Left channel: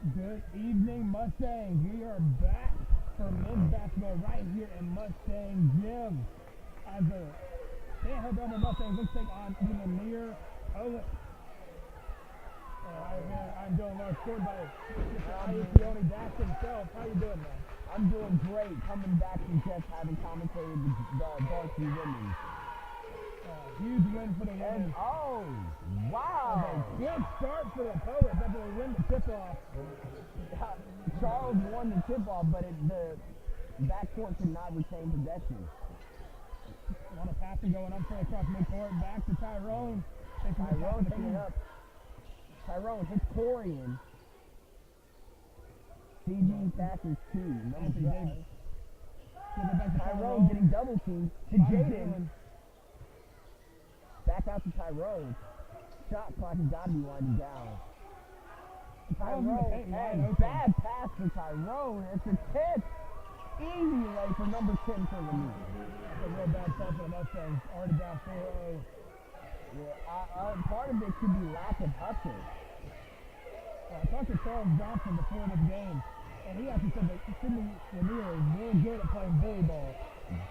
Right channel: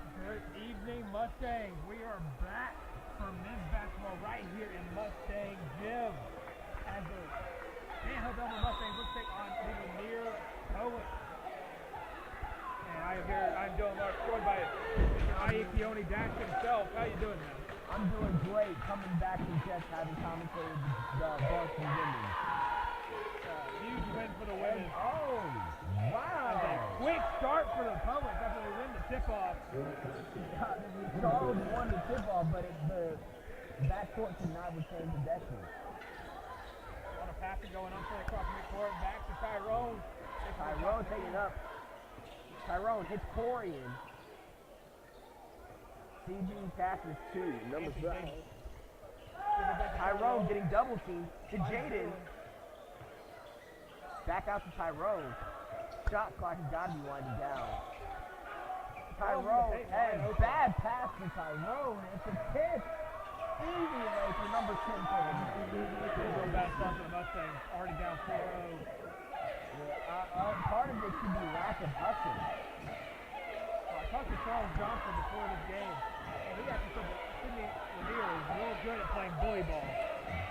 Good evening, Mustangs. We are back for men's basketball right here in Mustang Gym. As the Stanhope Elmore Mustangs looks take on the Lanier Poets. And I'm doing Larck, joined by Kioni Dash himself. How you doing, man? I'm doing great, coming back from just having commentated the varsity women. Huge win for the women. Oh, wow! A quick start for the Poets after they win the tip-off. Charles won the tip-off, but the backcourt could not retain possession. A lot of passing going on for across midcourt. Back to Tyrone. Tyrone taking up. Tyrone hits Corian. CG passes two. Anthony Davis. Tyrone getting double teamed to Jaden. Back out to Tyrone. Shot clock has got to be winding down. Tyrone, and bad pass for Tyrone. It's a tip. Easy lay for number 10 for the lead. A real bad start for the Mustangs. Already down 4-0. Yeah, part of it could be lack of hustle. Well, I talked to Charles Johnson before this game, and he actually said that Sidney Lanier is real good at playing bully ball.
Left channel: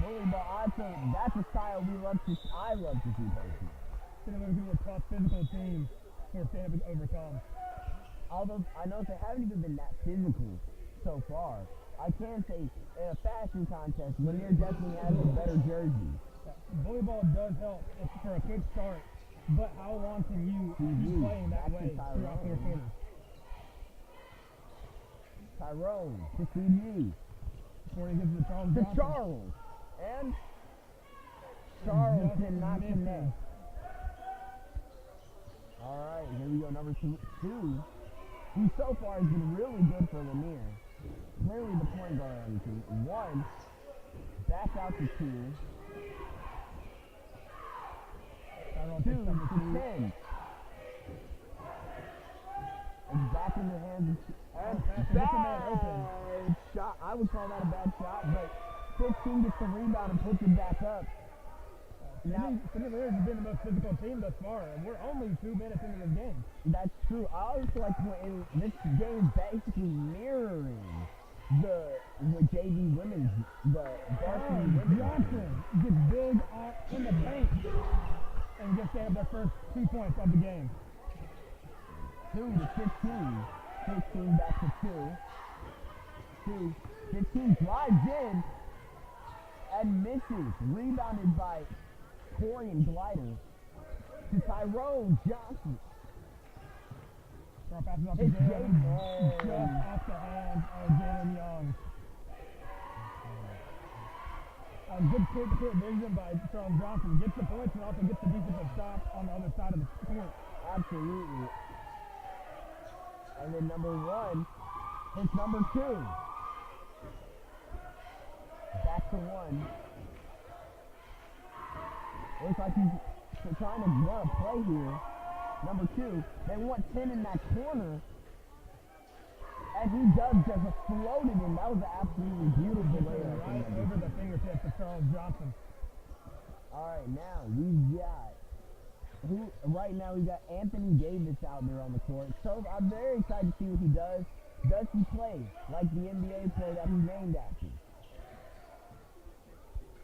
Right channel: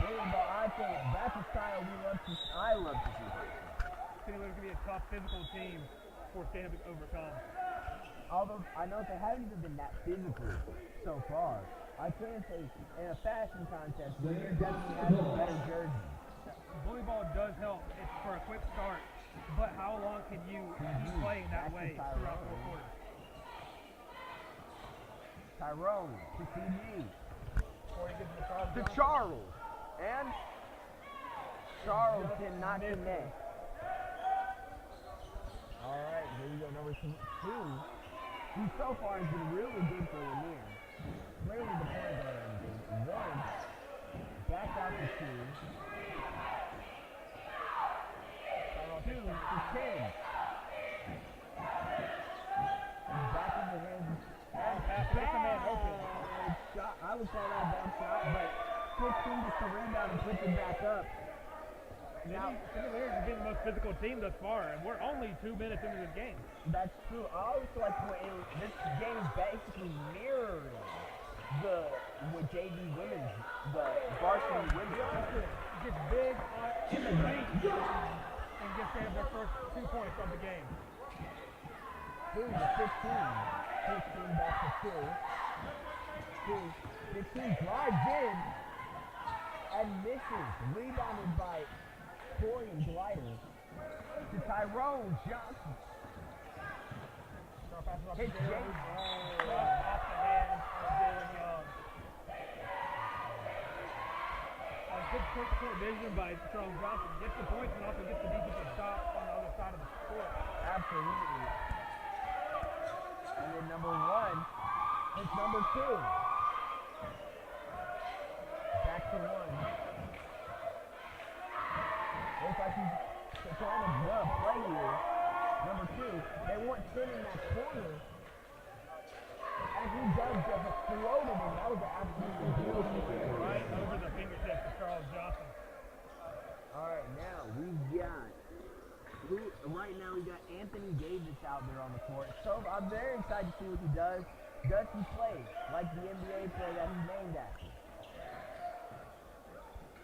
Bully ball, I think that's a style I love to see personally. I think it's going to be a tough physical team for Stanhope to overcome. Although I know they haven't even been that physical so far, I can say in a fashion contest, Lanier definitely has a better jersey. Bully ball does help for a quick start, but how long can you keep playing that way throughout 4 quarters? Tyrone to CG. Before he gets to Charles. And Charles cannot connect. Alright, here we go, number 2, who so far has been really good for Lanier. Clearly the point guard on the team. 1, back out to 2. 2 to 10. And back in the hands and shot. I would call that a bad shot, but 15 gets the rebound and puts it back up. Now, Sidney Lanier is getting the most physical team thus far, and we're only 2 minutes into this game. That's true. I always feel like this game is basically mirroring with JV women's, the varsity women's. Johnson gets big in the paint and gets their first 2 points of the game. 2 to 15. 15 back to 2. 15 drives in and misses. Rebounded by Corian Glider to Tyrone Johnson. It's Jaden off the hands of Jalen Young. A good quick vision by Charles Johnson. Gets the points and also gets the defensive stop on the other side of the court. Absolutely. And then number 1 hits number 2. Back to 1. Looks like he's trying to run a play here. Number 2, they want 10 in that corner. And he does just float it in. That was an absolutely beautiful play. Right over the fingertips of Charles Johnson. Alright, now we got Anthony Davis out there on the court. So I'm very excited to see what he does. Does he play like the NBA player that he's named after?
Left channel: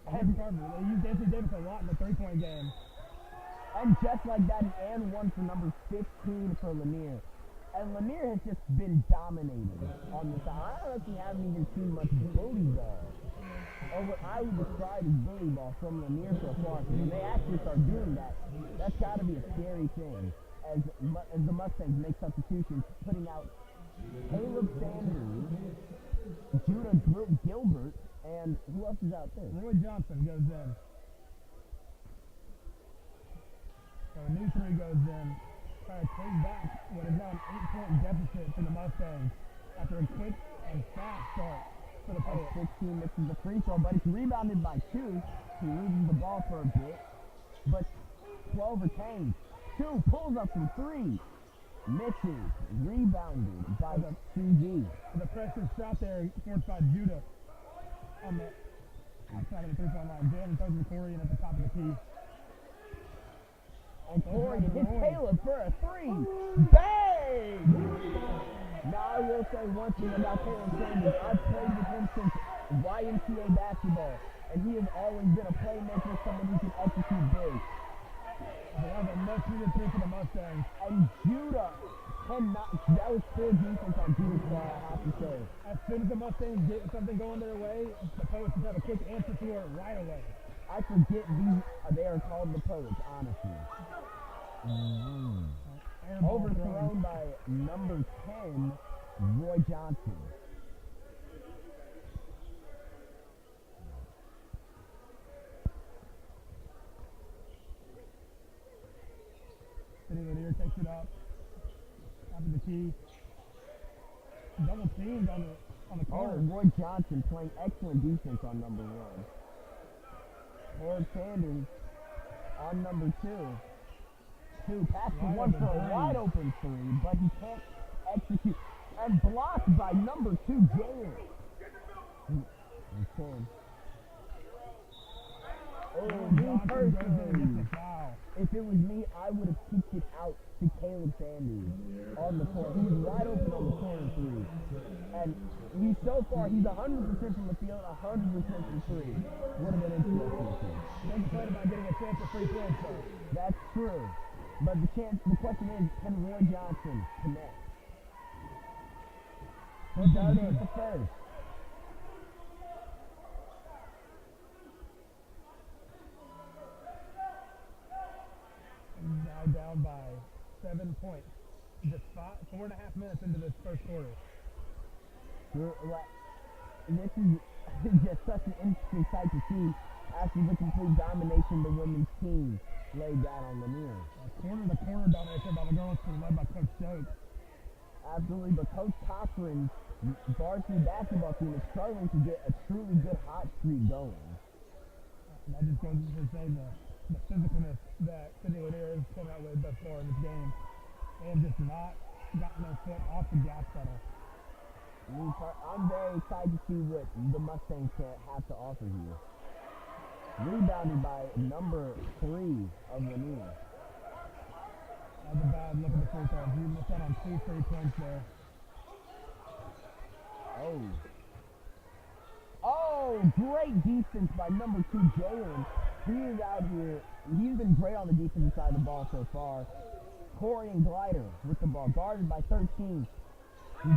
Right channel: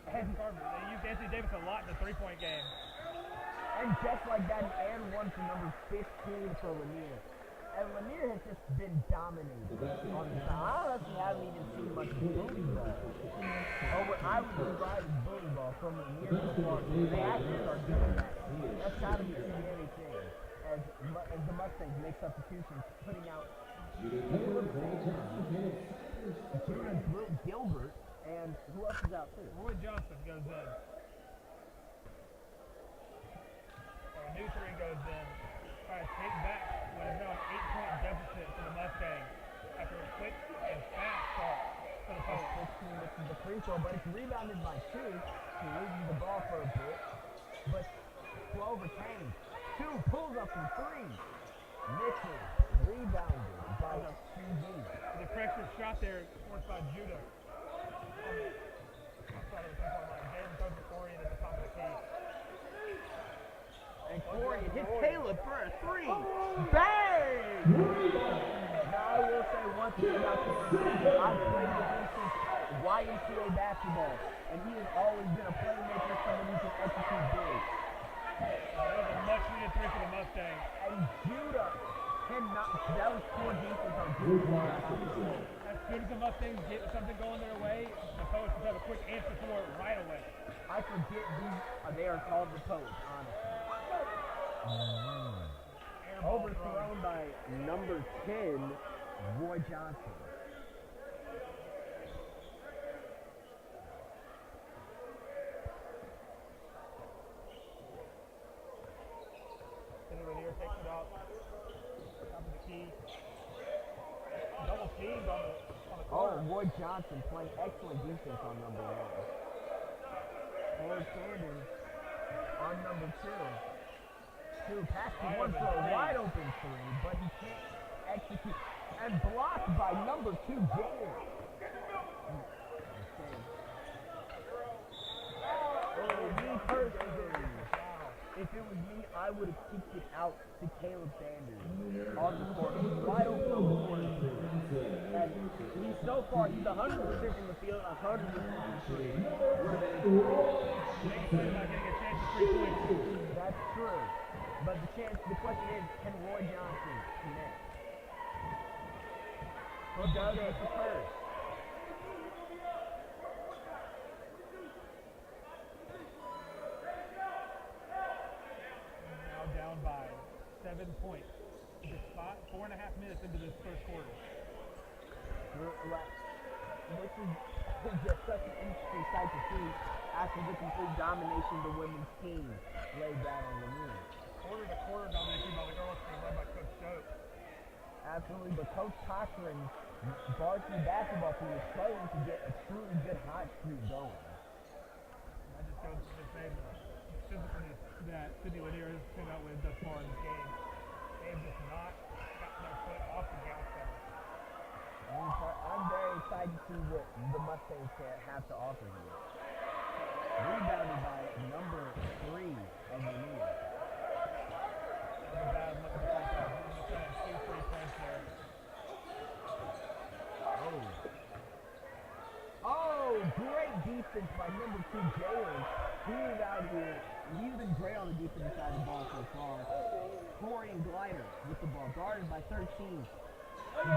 And they used Anthony Davis a lot in the 3-point game. And just like that, and 1 for number 15 for Lanier. And Lanier has just been dominated on the side. I honestly haven't even seen much bully ball. Or what I would describe as bully ball from Lanier so far. So when they actually start doing that, that's got to be a scary thing. As the Mustangs make substitutions, putting out Caleb Sanders, Judah Gilbert, and who else is out there? Roy Johnson goes in. So a new 3 goes in. Try to take back what is now an 8-point deficit for the Mustangs after a quick and fast start for the Poets. 16 misses the free throw, but it's rebounded by 2. He loses the ball for a bit, but 12 retains. 2 pulls up from 3. Misses. Rebounded by CG. The pressure shot there forced by Judah on the outside of the 3-point line. Jalen throws the Corian at the top of the key. And Corian hits Caleb for a 3. Bang! Now I will say one thing about Taylor Sanders. I've played with him since YMCA basketball, and he has always been a playmaker, someone who can execute big. But that was a much needed three for the Mustangs. And Judah cannot, that was poor defense on Judah's part, I have to say. As soon as the Mustangs get something going their way, the Poets have a quick answer for it right away. I forget they are called the Poets, honestly. Overthrown by number 10, Roy Johnson. Sidney Lanier takes it out. Top of the key. Double teamed on the corner. Oh, Roy Johnson playing excellent defense on number 1. Lord Sanders on number 2. Pass to one for a wide open 3, but he can't execute. And blocked by number 2, Jalen. Okay. Oh, me personally, if it was me, I would have kicked it out to Caleb Sanders on the corner. He was wide open on the corner 3. And he's 100% from the field, 100% from 3. Would have been interesting. Makes sense about getting a chance at 3 points. That's true. But the question is, can Roy Johnson connect? Who does it first? Now down by 7 points. Just 4.5 minutes into this first quarter. This is just such an interesting sight to see after the complete domination the women's team laid down on Lanier. Corner-to-corner domination by the girls' team led by Coach Stokes. Absolutely, but Coach Cochran's varsity basketball team is struggling to get a truly good hot streak going. That just goes to say the physicalness that Sidney Lanier has come out with thus far in this game. They have just not gotten their foot off the gas pedal. I'm very excited to see what the Mustangs have to offer here. Rebounded by number 3 of Lanier. That was a bad look at the free throws. You missed out on 2 free points there. Oh, great defense by number 2, Jalen. He is out here. He's been great on the defensive side of the ball so far. Corey and Glider with the ball, guarded by 13.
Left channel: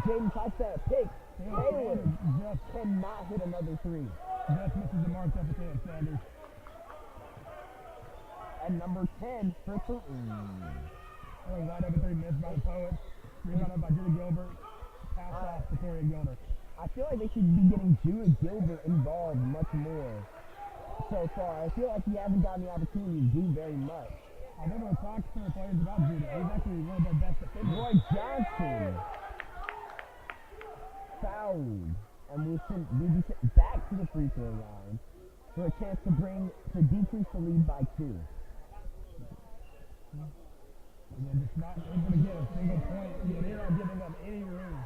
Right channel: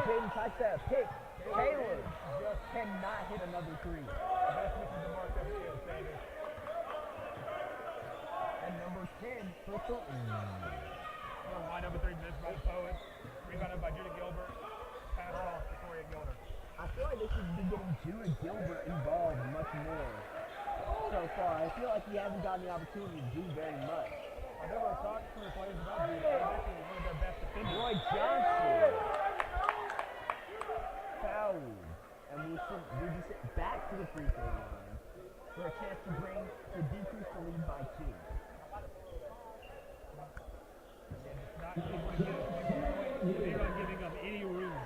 Jaden tries to pick. Caleb just cannot hit another 3. Best misses the mark there for Caleb Sanders. And number 10 for 3. A wide open 3 missed by the Poets. Rebounded by Judah Gilbert. Pass off to Corey and Gilbert. I feel like they should be getting Judah Gilbert involved much more so far. I feel like he hasn't gotten the opportunity to do very much. I never talked to the players about Judah. He's actually one of their best defenders. Roy Johnson fouled, and we'll be sent back to the free throw line for a chance to decrease the lead by 2. Again, just not able to get a single point. They're not giving up any room.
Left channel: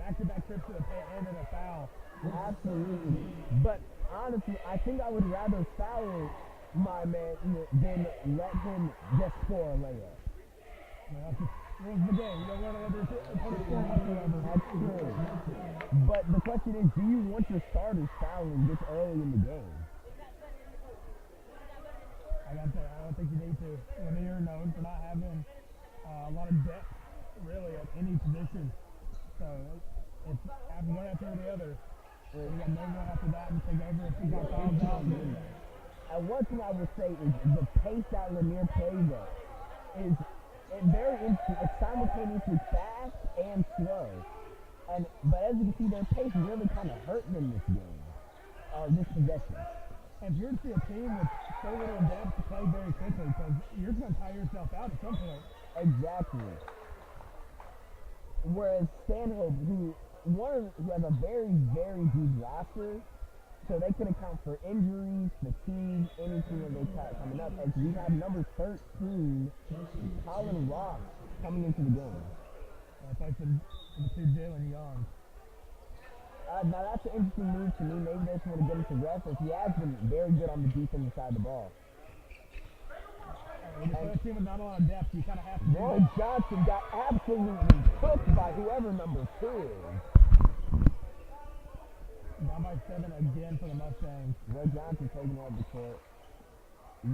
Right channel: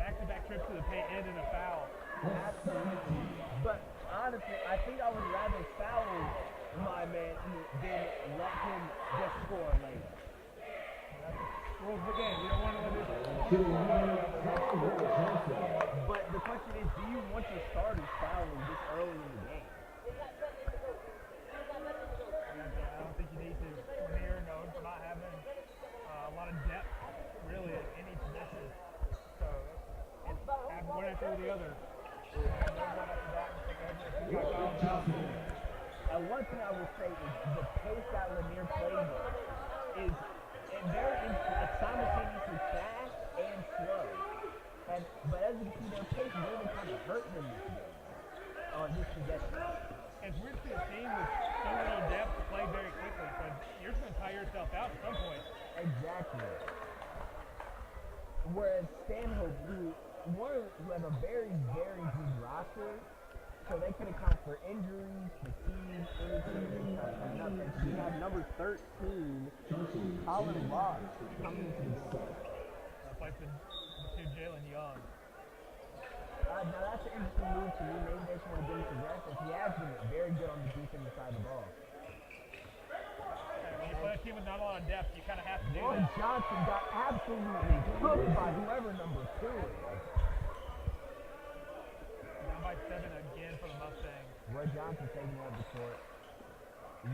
Back-to-back trips to the paint and in a foul. Absolutely. But honestly, I think I would rather foul my man than let him just score a layup. Well, that's the rules of the game. You don't want to let this score one or the other. That's true. But the question is, do you want your starters fouling this early in the game? I don't think you need to. Lanier known for not having a lot of depth, really, at any position. So it's one after the other. You got no one after that and take over if you got fouled out. And one thing I will say is the pace that Lanier plays at is very interesting. It's simultaneously fast and slow. But as you can see, their pace really kind of hurt them this game, this possession. And it's weird to see a team with so little depth to play very quickly because you're just going to tire yourself out at some point. Exactly. Whereas Stanhope, who has a very, very deep roster, so they can account for injuries, fatigue, anything that they got coming up. As we have number 13, Colin Ross, coming into the game. Plays for the 2 Jalen Young. Now that's an interesting move to me. Maybe they just want to get him to rest, as he has been very good on the defensive side of the ball. We When you play a team with not a lot of depth, you kind of have to do Roy that. Johnson got absolutely cooked by whoever number 2 is. Down by 7 again for the Mustangs. Roy Johnson taking out the court.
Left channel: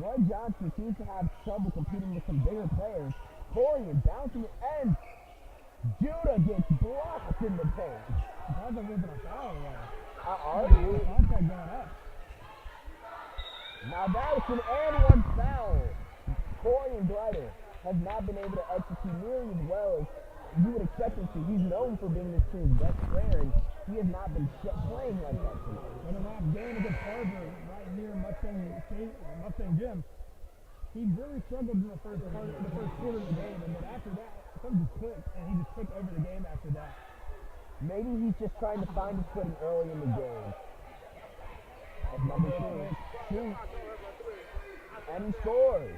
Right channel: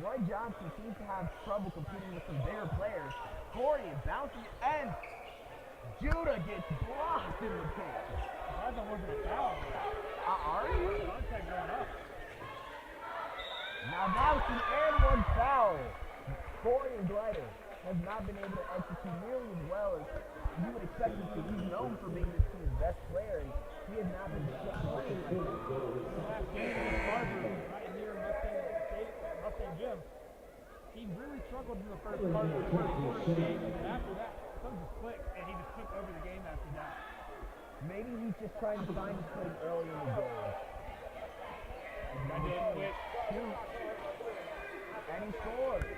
Roy Johnson seems to have trouble competing with some bigger players. Corian bouncing it, and Judah gets blocked in the paint. I thought there wasn't a foul there. Are you? Contact going up. Now that was an and 1 foul. Corian Glider has not been able to execute nearly as well as you would expect him to. He's known for being this team's best player, and he has not been playing like that. In the last game against Harvard, right here in Mustang Gym, he really struggled in the first quarter of the game, and then after that, something just clicked, and he just took over the game after that. Maybe he's just trying to find his footing early in the game. As number 2 shoots, and he scores.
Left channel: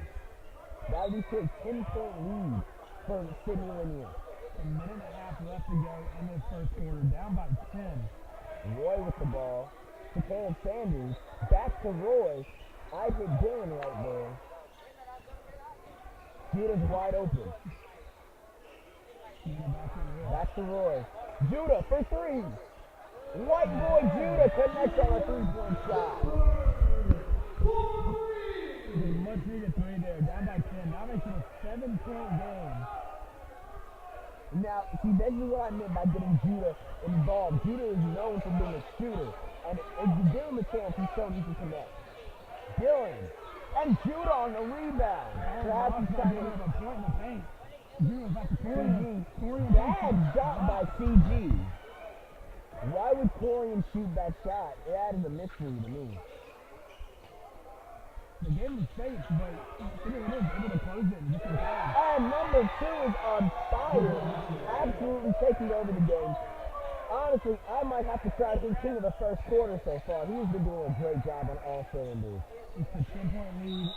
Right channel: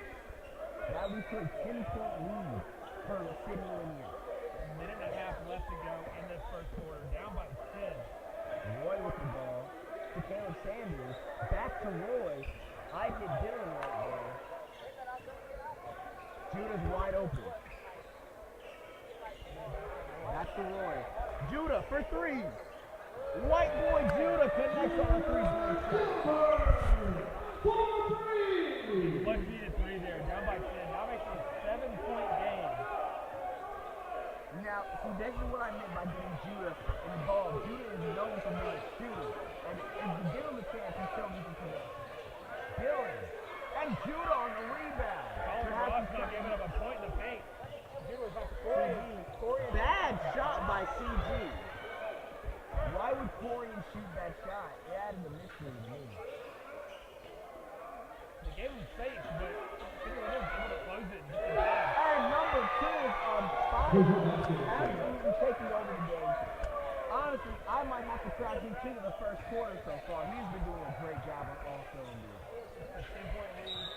That leads to a 10-point lead for Sidney Lanier. A minute and a half left to go in this first quarter, down by 10. Roy with the ball to Caleb Sanders. Back to Roy. I hit Dylan right there. Judah's wide open. Back to Roy. Judah for 3. White boy Judah connects on a 3-point shot. Much needed 3 there, down by 10. Now makes it a 7-point game. Now, see, this is what I meant by getting Judah involved. Judah is known for being a shooter. And if you give him a chance, he's shown he can connect. Dylan. And Judah on the rebound. Perhaps he's trying to give up a point in the paint. Judah's off the CG. Bad shot by CG. Why would Corian shoot that shot? It added a mystery to me. The game was safe, but Sidney was able to close it and just in time. And number 2 is on fire. Absolutely taking over the game. Honestly, I might have to credit him to the first quarter so far. He's been doing a great job on all cylinders. It's a 10-point lead,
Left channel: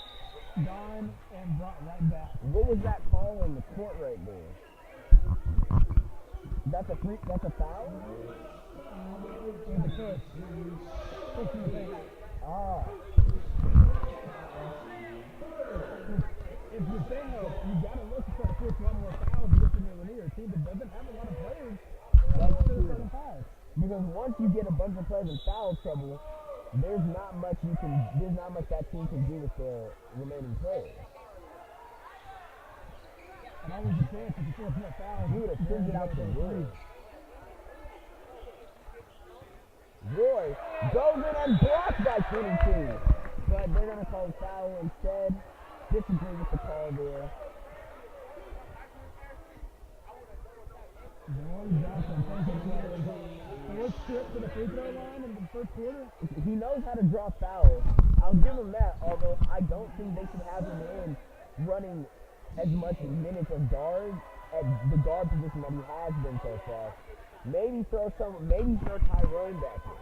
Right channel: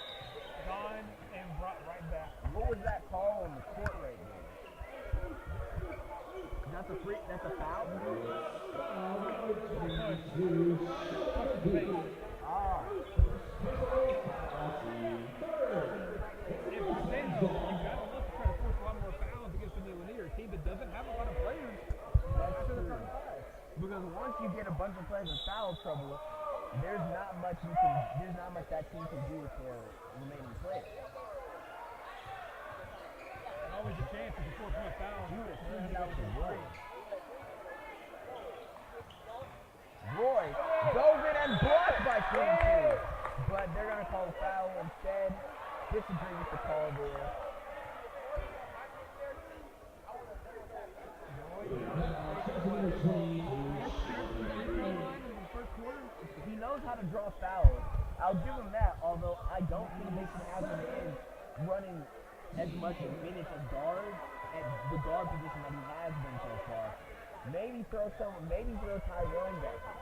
gone and brought right back. What was that call on the court right there? That's a foul? Push in the paint. Ah. If you're Stanhope, you gotta look to try to force a lot more fouls against the Lanier team that doesn't have a lot of players. That's true. Because once you get a bunch of players in foul trouble, there's not much that team can do with their remaining players. And always a chance if you force more fouls. Judah sends it out to Roy. Roy goes in and blocked by 22. But they're going to call a foul instead. Disagree with the call there. Roy Johnson taking away the fourth trip to the free throw line in the first quarter. He knows how to draw fouls. I'll give him that, although I don't think they should have him in running as much minutes as guard at the guard position that he has been so far. Maybe throw Tyrone back in.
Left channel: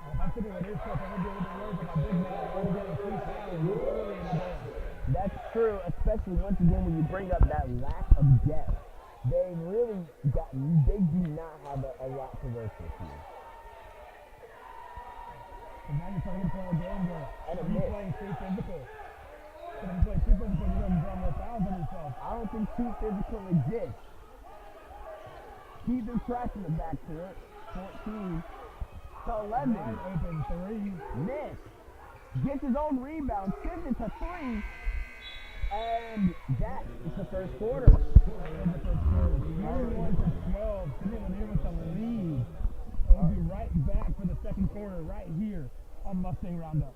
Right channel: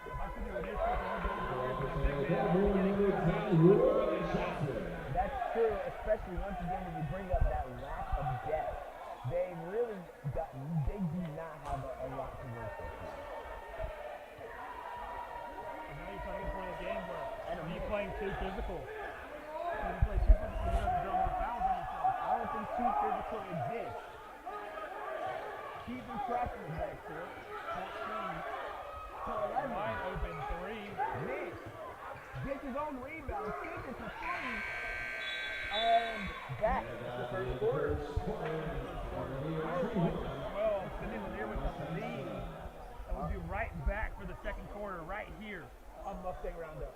I think it would be tough to get away from that big man who's getting good fouls early in the game. That's true, especially once again when you bring up that lack of depth. They do not have a lot to work with here. And now you're trying to play a game where And a you're miss. playing too physical. So if you play too physical, you're going to draw more fouls on yourself. I don't think too physical exists. Keeping track in the backcourt. 14 to 11. Wide open 3. Miss. Gets his own rebound. Sends it to 3. And that is the first quarter. 12. Sidney Lanier with the lead. And we'll be right back for the second quarter right here on Mustang Roundup.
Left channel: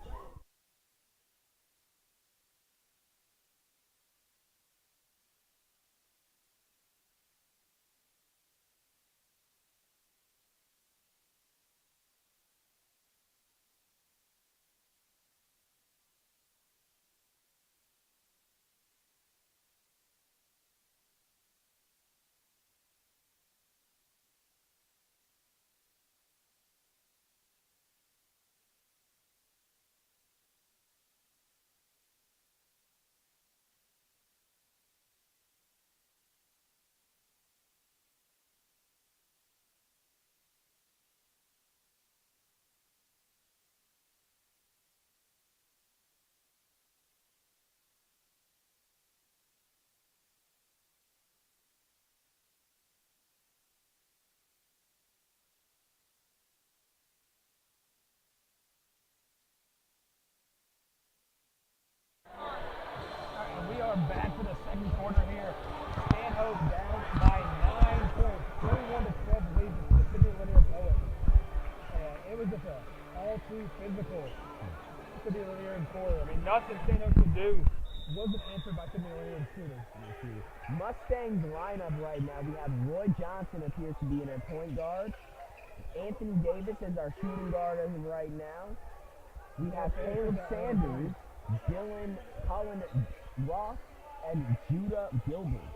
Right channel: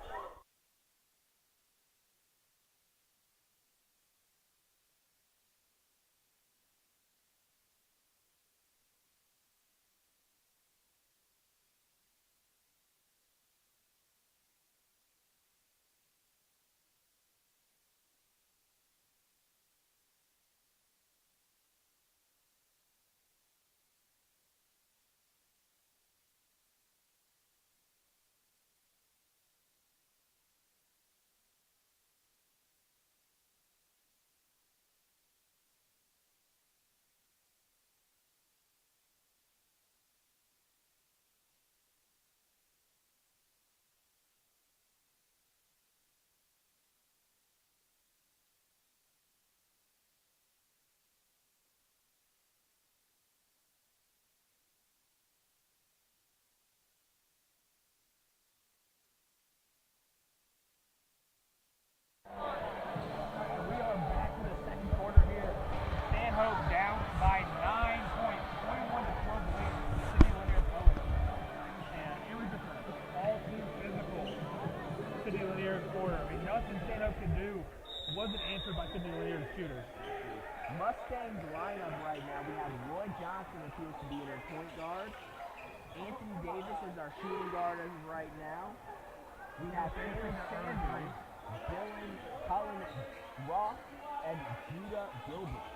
all too physical. Sidney Lanier and quarter. I mean, nothing Stanhope could do wasn't answered by Sidney Lanier's shooters. Mustang's lineup right now, we have Roy Johnson appears to be in our point guard. Anthony Davis is our shooting guard as of right now. We have Caleb Sanders, Dylan Cullen Ross, and Judah Gilbert.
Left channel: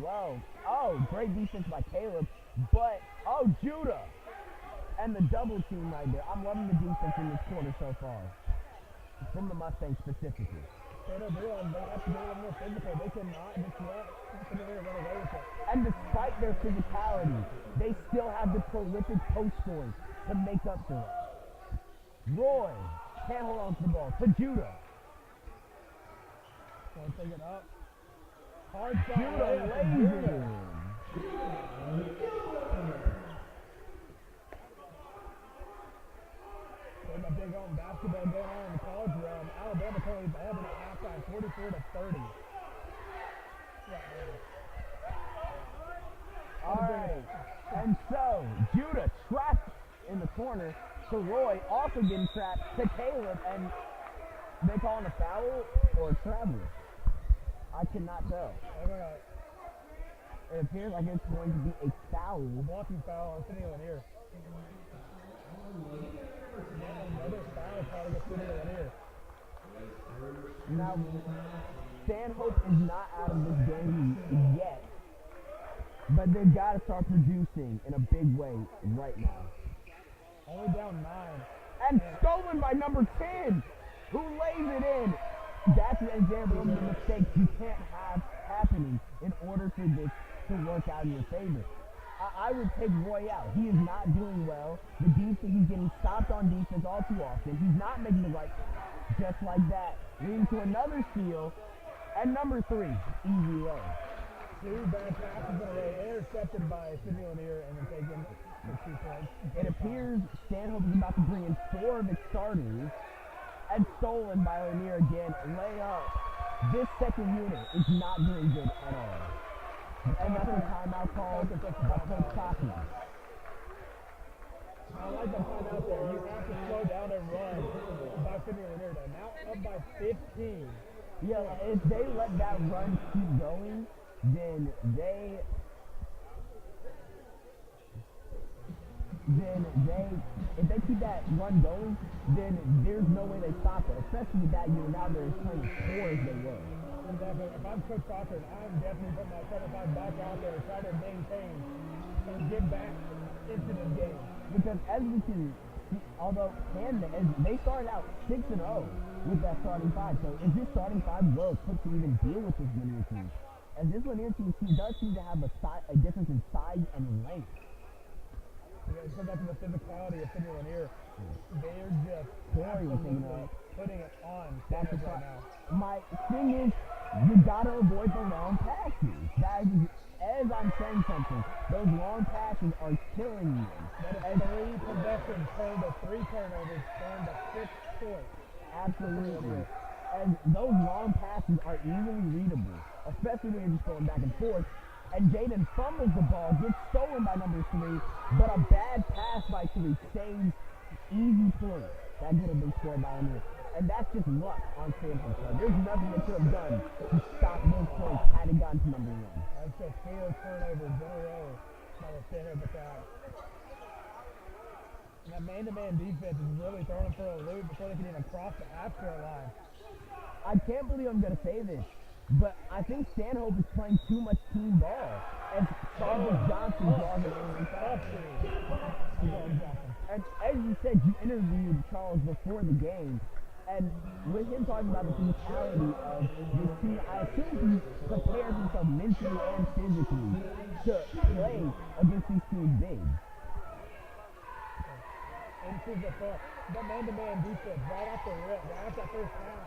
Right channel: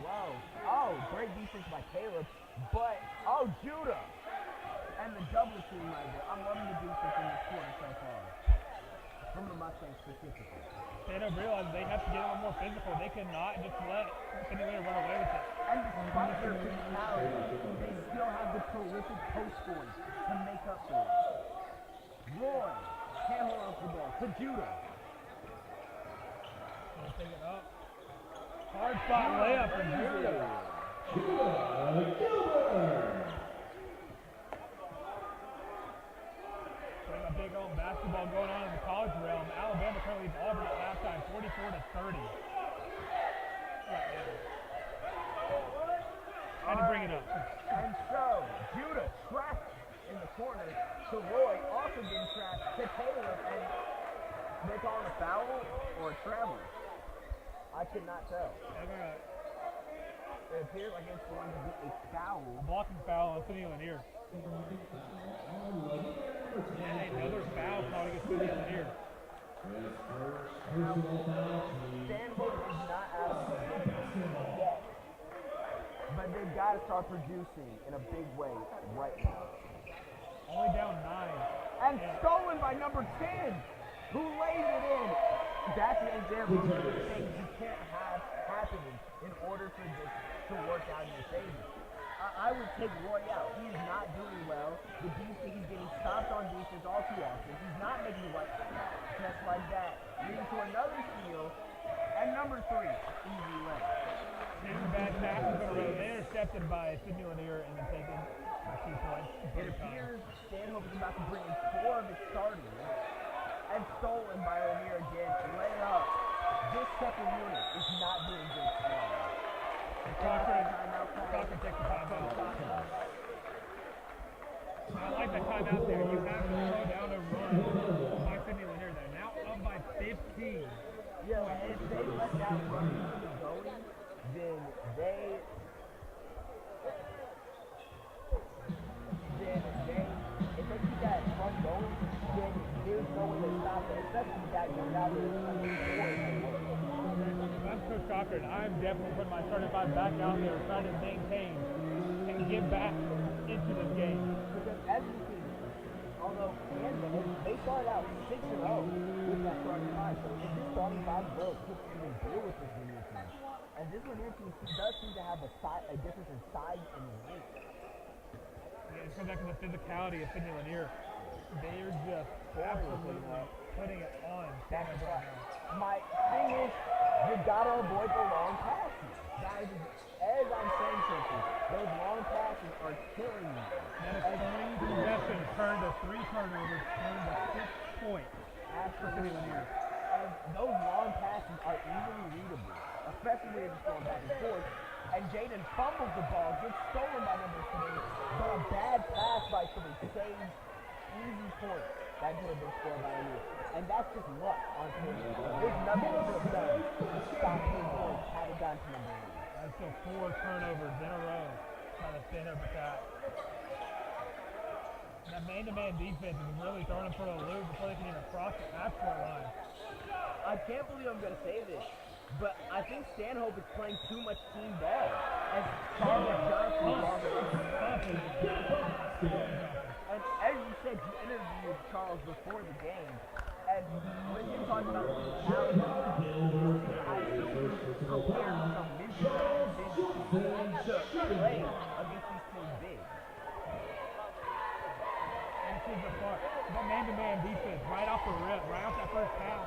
Whoa. Oh, great defense by Caleb. But, Judah. And the double team right there. I'm loving the defense in this quarter so far. From the Mustangs specifically. Stanhope realized they have to get a little more physical. They cannot just let Sidney Lanier run away with it. And despite their physicality, they still have the prolific post scoring to make up for it. Roy can't hold on to the ball. To Judah. So take it up. Hard spot layup for Judah. There's a big old basketball going on in the college realm. Alabama currently leads Auburn at halftime, 44-30. Had to bring it up. And so, Judah trapped in the corner to Roy, also getting trapped to Caleb, and they calling a foul or a travel? I could not tell. It appears like it's going to be a foul. A blocking foul on Sidney Lanier. And another foul probably against Sidney Lanier. Now, Stanhope is not out of this game yet, but they've got to start producing in a big way right now. Only down 9. And stolen by number 10, who lays it in. That's an example of the mistakes you can't have happening in order for this to work out in your favor. I would take Roy out. He is not doing well. The defense, he's getting stopped on defense all too often. He's not making the right, just like that. Leading to another steal. And number 3, easy way. 2 bad passes in a row. They're intercepted by Sidney Lanier and then taken the 2 points. It appears Stanhope is about to bring in 4 of its starters. And stolen by Lanier again. Layup. This second unit is not doing good at all. Timeout call. I like that timeout there. You have to slow down a run by Sidney Lanier there. Now up by 15. Yeah, if they let that run keep going, then if they keep that run going, then there's no way they stop it. Especially with that unit now they're trying to score as they were. Exactly. If I'm Coach Cochran, I'm definitely putting my starting 5 back out there and trying to maintain and get back into this game. Because as we see, although they started out 6-0 with that starting 5, so if this starting 5 well equipped to even deal with this Lanier team, and this Lanier team does seem to have a difference in size and length. Yeah, it goes back to the physicality of Sidney Lanier. They're just putting it on Stanhope right now. My thing is, you gotta avoid the long passes. That is, as I'm saying something, those long passes are killing you. That is 3 possessions turned to 3 turnovers, turned to 6 points. Absolutely. And those long passes are easily readable, especially when you're just going back and forth. And Jaden fumbles the ball, gets stolen by number 3, but a bad pass by 3 saves easy points. That could have been scored by him. And that's just luck on Stanhope. So there's nothing they could have done to stop those points had it gotten to number 1. That's still 4 turnovers in a row by the Stanhope attack. And that man-to-man defense is really throwing them for a loop before they can even cross the half-court line. I can't believe I'm going to say this, but I think Stanhope is playing too much team ball. And Charles Johnson draws it in. And as you said, you interviewed Charles before the game. And with him talking about the physicality of his team, I assume he prepared himself mentally and physically to play against these teams big. And it seems that man-to-man defense right off the rip, right off that first pass,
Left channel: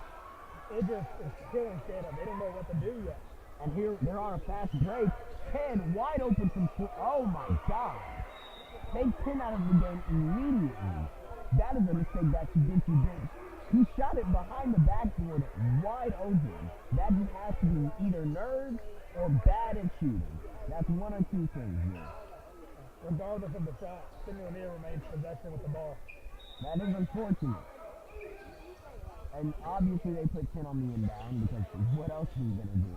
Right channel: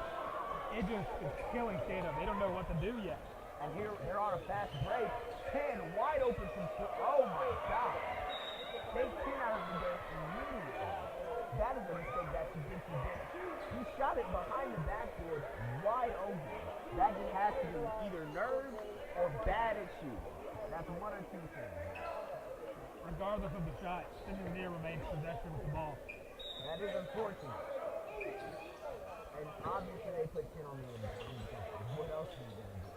it just is killing Stanhope. They don't know what to do yet. And here they're on a fast break. 10 wide open from 4. Oh my God. They 10 out of the game immediately. That is a mistake that Sidney did. He shot it behind the backboard wide open. That just has to be either nerves or bad at shooting. That's one or two things here. regardless of the shot, Sidney Lanier remains possession with the ball. That is unfortunate. And obviously they put 10 on the inbound because what else are you going to do?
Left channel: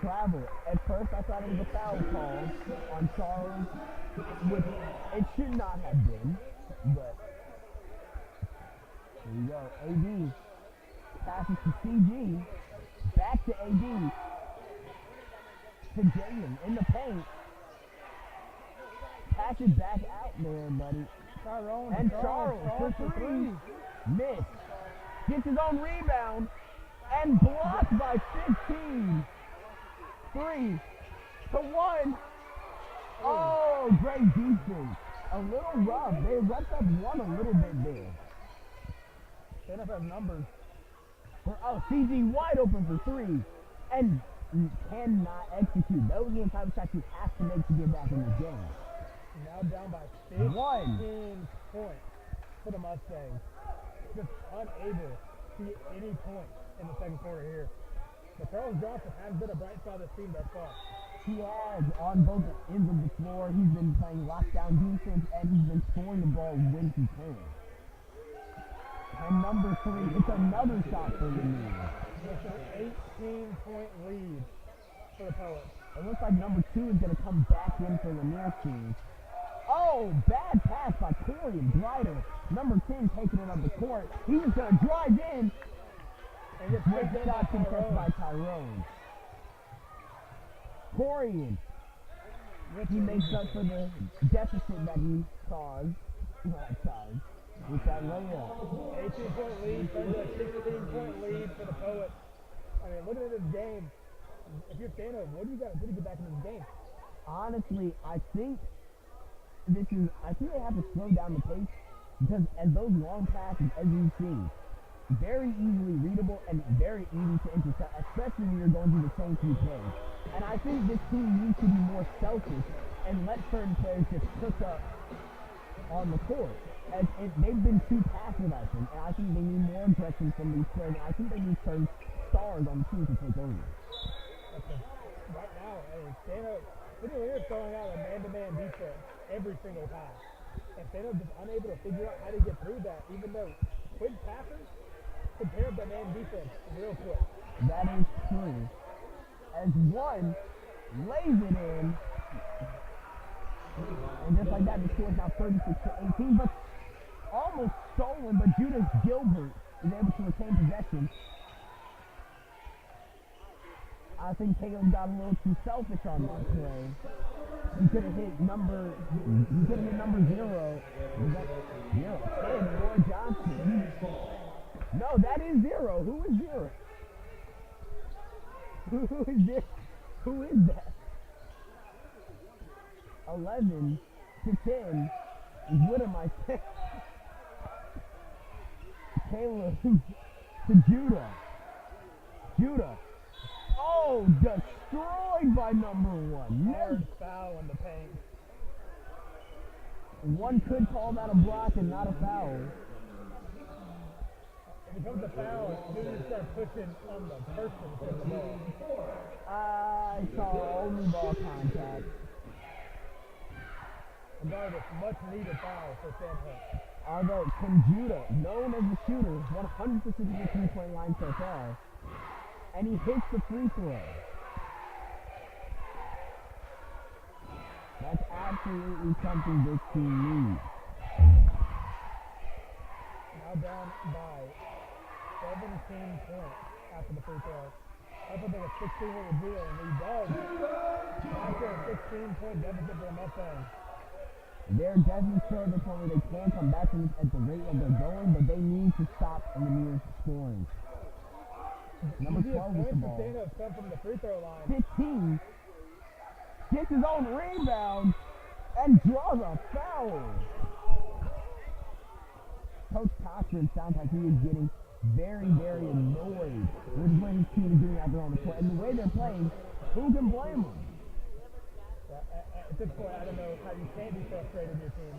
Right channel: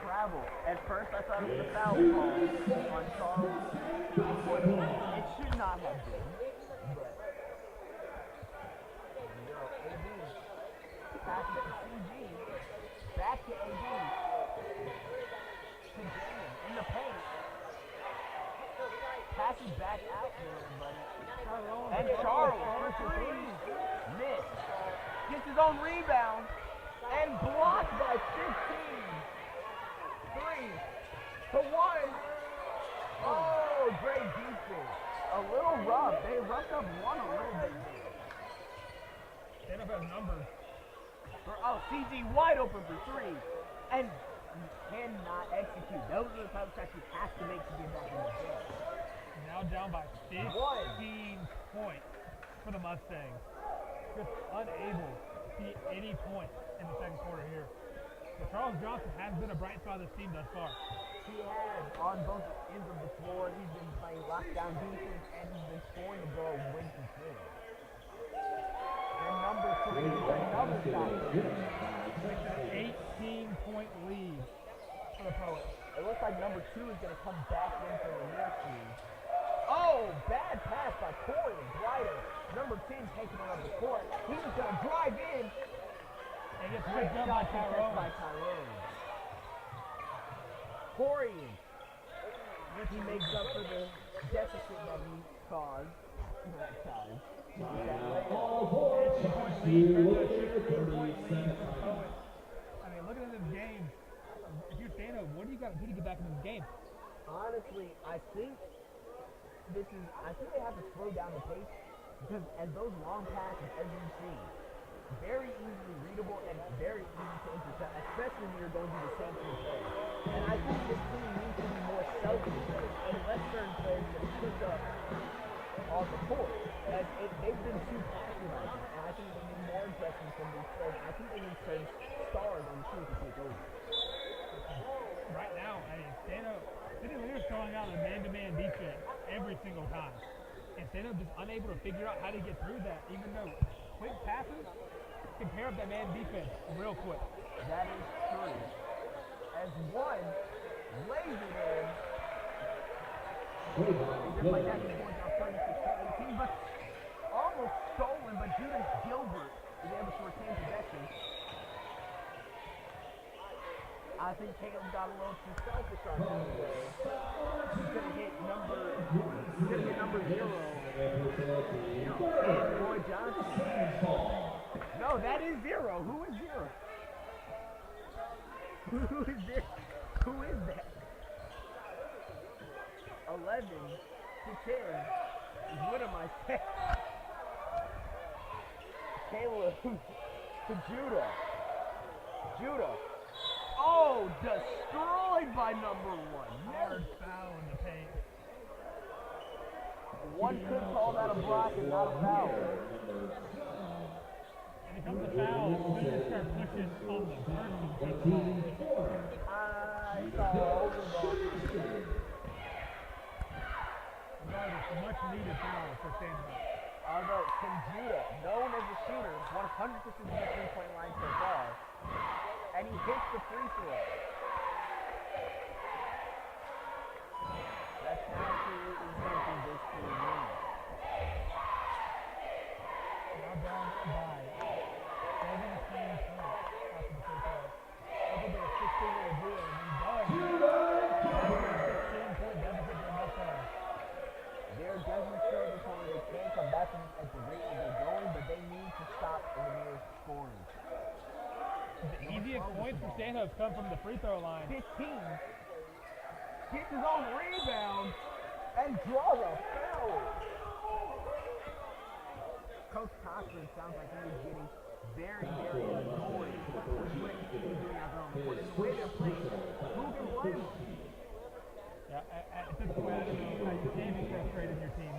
Travel. At first I thought it was a foul call on Charles. It should not have been, but there you go. AD passes to CG. Back to AD. To Jalen in the paint. Pass it back out there, buddy. And Charles for three. Miss. Gets his own rebound. And blocked by 15. 3 to 1. Oh, great defense. A little rough. They roughed up one a little bit there. Stanhope has numbers. CG wide open for 3. And cannot execute. Those are the type of shots you have to make to get back in the game. Now down by 15 points for the Mustangs. Just unable to get any points in the second quarter here. But Charles Johnson has been a bright spot of this team thus far. He has on both ends of the floor. He's been playing lockdown defense and he's been scoring the ball when he can. And number 3, it's another shot for him. It's an 18-point lead for the Poets. It looks like number 2 is going to come back in for Lanier's team. Oh, bad pass by Corey and Drider. Number 10 taking it up the court. He's going to drive in. And gets picked up by Tyrone. Corian. He makes up for the deficit that he caused last time. With that layup. 18-point lead for the 16-point lead for the Poets. I mean, looking at this game, if you're Stanhope, what do you got to do to get back into this game? Honestly, I think they have to slow down the pace because as those long passes, as you've seen, very easily readable and very easy to intercept, especially when you're going through the same 2 plays. And I think this team needs to be more selfish and let certain plays just push up on the court. As they've been too passive, I think, and I think they need more aggression from these players. I think they need certain stars on the team to take over. Right now, I mean, Sidney Lanier's throwing out a man-to-man defense every single time. And Stanhope just unable to figure out how to get through that, even though quick passes can pair up that man defense real quick. That is true. As one lays it in, and just like that, the score is now 36-18, but almost stolen, but Judas Gilbert is able to retain possession. I think Taylor got a little too selfish on that play. He could have hit number 0. It's Roy Johnson. No, that is 0. Who is 0? Who is there? Who is that? 11 to 10. What am I saying? Caleb to Judah. Judah. Oh, destroyed by number 1. Hard foul in the paint. One could call that a block and not a foul. When it comes to foul, you need to start pushing on the person to take the ball. I saw only ball contact. Regardless, much needed foul for Stanhope. Although Tim Judah, known as a shooter, 100% of the 3-point line so far, and he hits the free throw. That's absolutely something this team needs. Now down by 17 points after the free throw. Hopefully there was 16 with a deal, and he does. After a 16-point deficit for Mustangs. They're definitely territory. They can't come back from this at the rate that they're going, but they need to stop Lanier's scoring. The easiest points for Stanhope come from the free throw line. 15 gets his own rebound and draws a foul. Coach Cochran sounds like he is getting very, very annoyed with what his team is doing out there on the court. And the way they're playing, who can blame them? Yeah, at this point, I don't know how you can be frustrated in your team.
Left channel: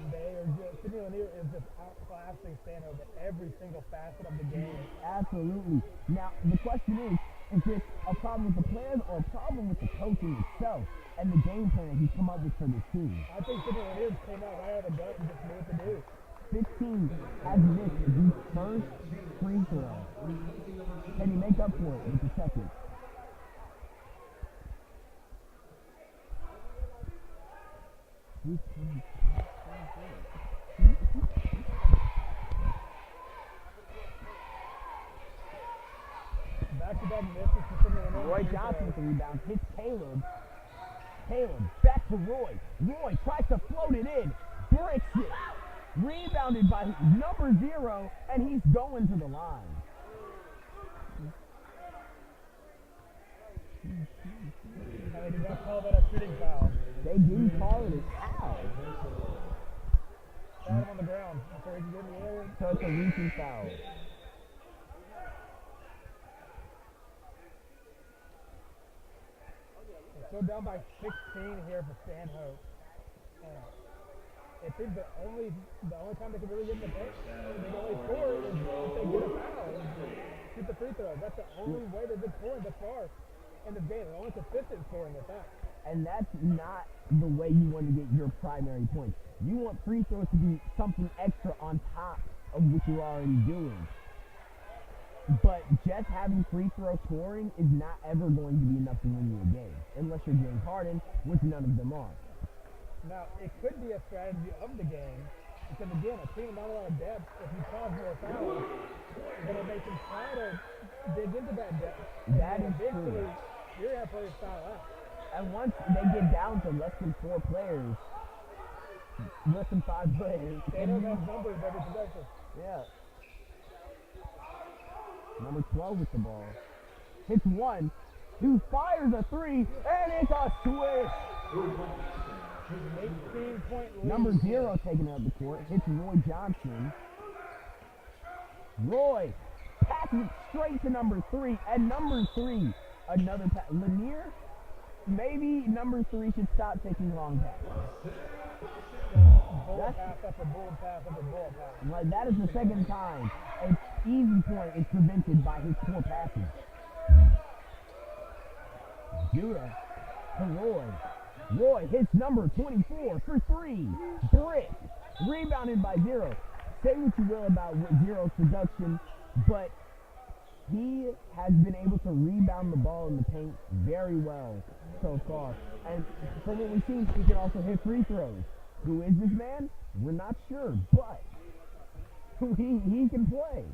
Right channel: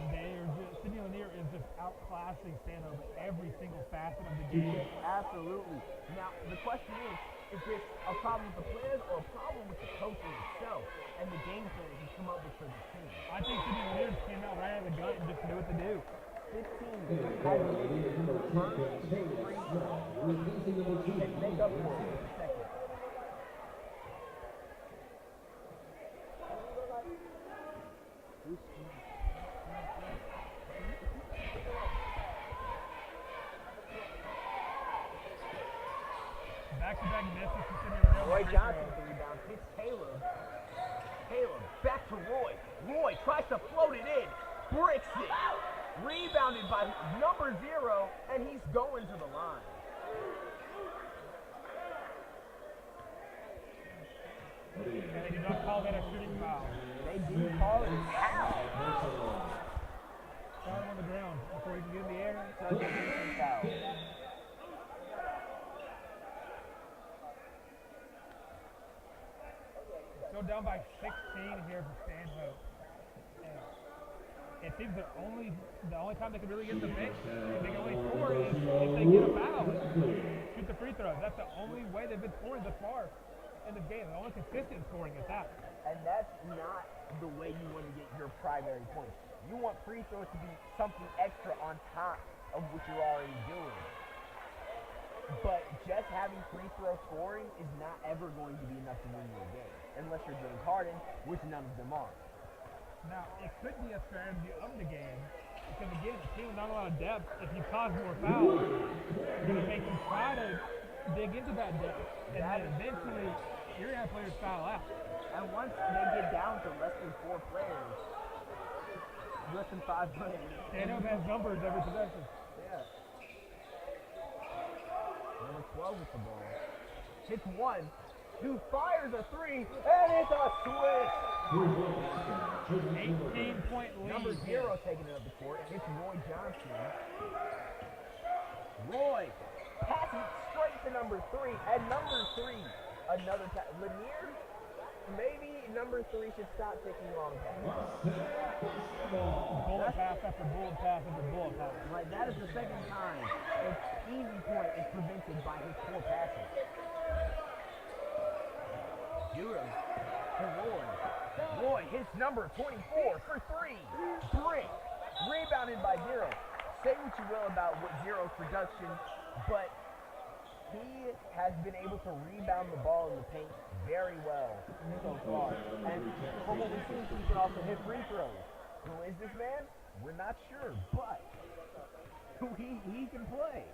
Sidney Lanier is just outclassing Stanhope at every single facet of the game. Absolutely. Now, the question is, if it's a problem with the players or a problem with the coaching itself and the game plan he's come up with for this team. I think Sidney Lanier came out right out of the gut and just knew what to do. 15 has missed his first free throw. Can you make up for it with the second? Back-to-back misses considering the Roy Johnson with the rebound, hits Caleb. Caleb back to Roy. Roy tries to float it in, bricks it. Rebounded by number 0, and he's going to the line. And they did not call that a shooting foul. They didn't call it a foul. Foul him on the ground before he can get in the air. So it's a reaching foul. Go down by 16 here for Stanhope. And it seems the only time they can really get the bench and they can only score is if they get a foul and shoot the free throws. That's the only way they've been scoring thus far in the game. The only consistent scoring is that. And that's not the way you want to get your primary points. You want free throws to be something extra on top of what you're already doing. But just having free throw scoring is not ever going to be enough to win you a game. Unless you're James Harden, which none of them are. Now, it could be a strategy of the game, because again, a team with not a lot of depth, if you cause more fouls, you're going to make them try to dig into that depth. And That then is eventually, true. you're going to have players foul out. And once they get down to less than 4 players, less than 5 players. Stanhope has numbers every possession. Yeah. Number 12 with the ball. Hits one, who fires a 3, and it's a switch. 18-point lead. Number 0 taking it up the court. Hits Roy Johnson. Roy passes it straight to number 3, and number 3, another pass. Lanier, maybe number 3 should stop taking long passes. Bullet pass after bullet pass after bullet pass. Right, that is the second time an easy point is prevented by his poor passing. Judah to Roy. Roy hits number 24 for 3. Brick. Rebounded by 0. Say what you will about Zero's production, but he has been able to rebound the ball in the paint very well so far. And from what we've seen, he can also hit free throws. Who is this man? We're not sure, but he can play.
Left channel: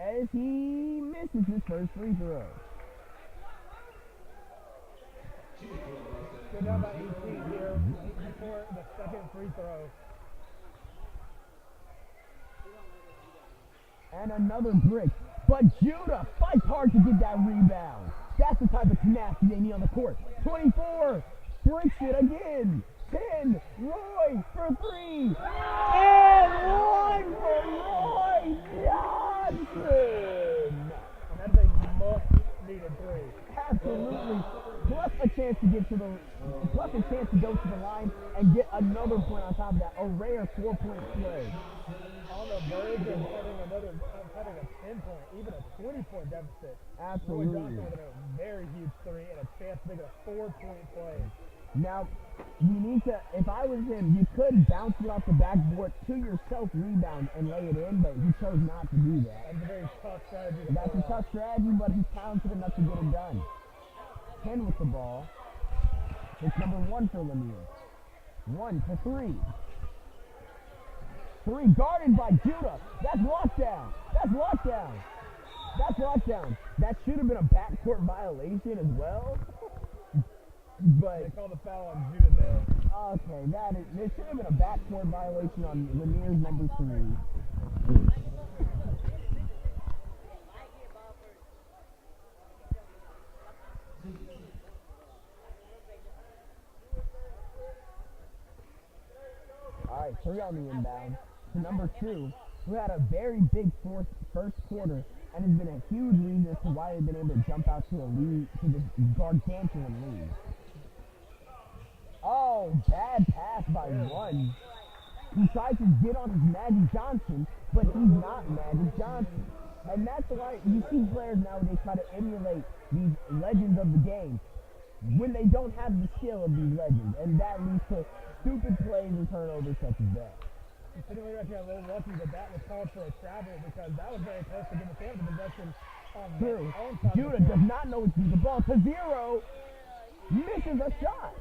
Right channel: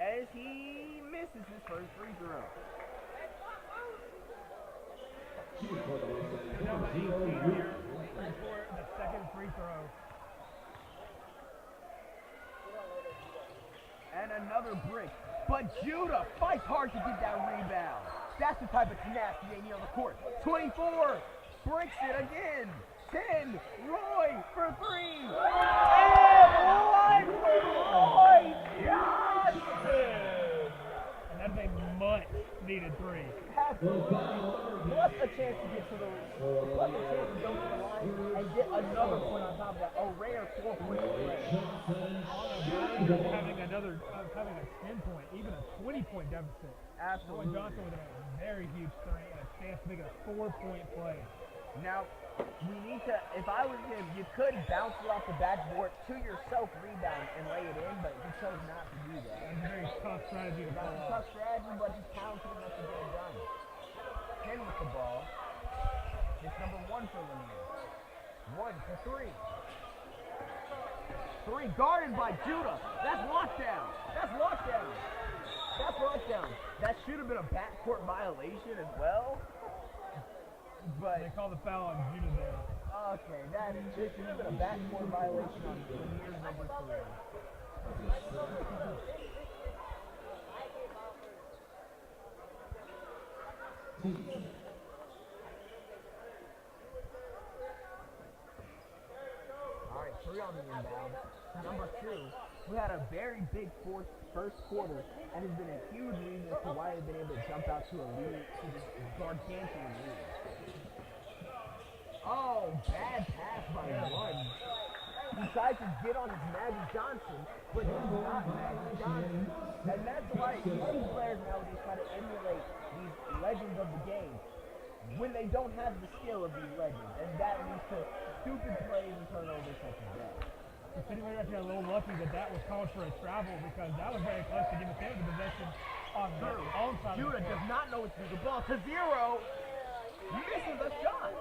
As he misses his first free throw. Go down by 18 here for the second free throw. And another brick. But Judah fights hard to get that rebound. That's the type of tenacity they need on the court. 24. Breaks it again. 10. Roy for 3. And line for Roy Johnson. And that's a much-needed 3. Absolutely. Plus a chance to go to the line and get another point on top of that. A rare 4-point play. On the verge of having a 10-point, even a 20-point deficit. Absolutely. Roy Johnson with a very huge 3 and a chance to make it a 4-point play. Now, you need to, if I was him, you could bounce it off the backboard to yourself, rebound, and lay it in, but he chose not to do that. That's a very tough strategy to That's pull a off. tough strategy, but he's talented enough to get it done. 10 with the ball. It's number 1 for Lanier. 1 to 3. 3 guarded by Judah. That's lockdown. That's lockdown. That's lockdown. That should have been a backcourt violation as well. But They call the foul on Judah there. okay, there should have been a backcourt violation on Lanier's number 3. All right, 3 on the inbound to number 2, who had a very big first quarter and has been a huge reason as to why they've been able to jump out to a lead, to this gargantuan lead. Oh, bad pass by 1. He tries to get on his Magic Johnson, but he's not Magic Johnson. And that's why you see players nowadays try to emulate these legends of the game when they don't have the skill of these legends. And that leads to stupid plays and turnovers such as that. The City was actually a little lucky that that was called for a travel because that was very close to giving Sam the possession on their True. own side. Judah does not know what to do. The ball to zero. Misses a shot.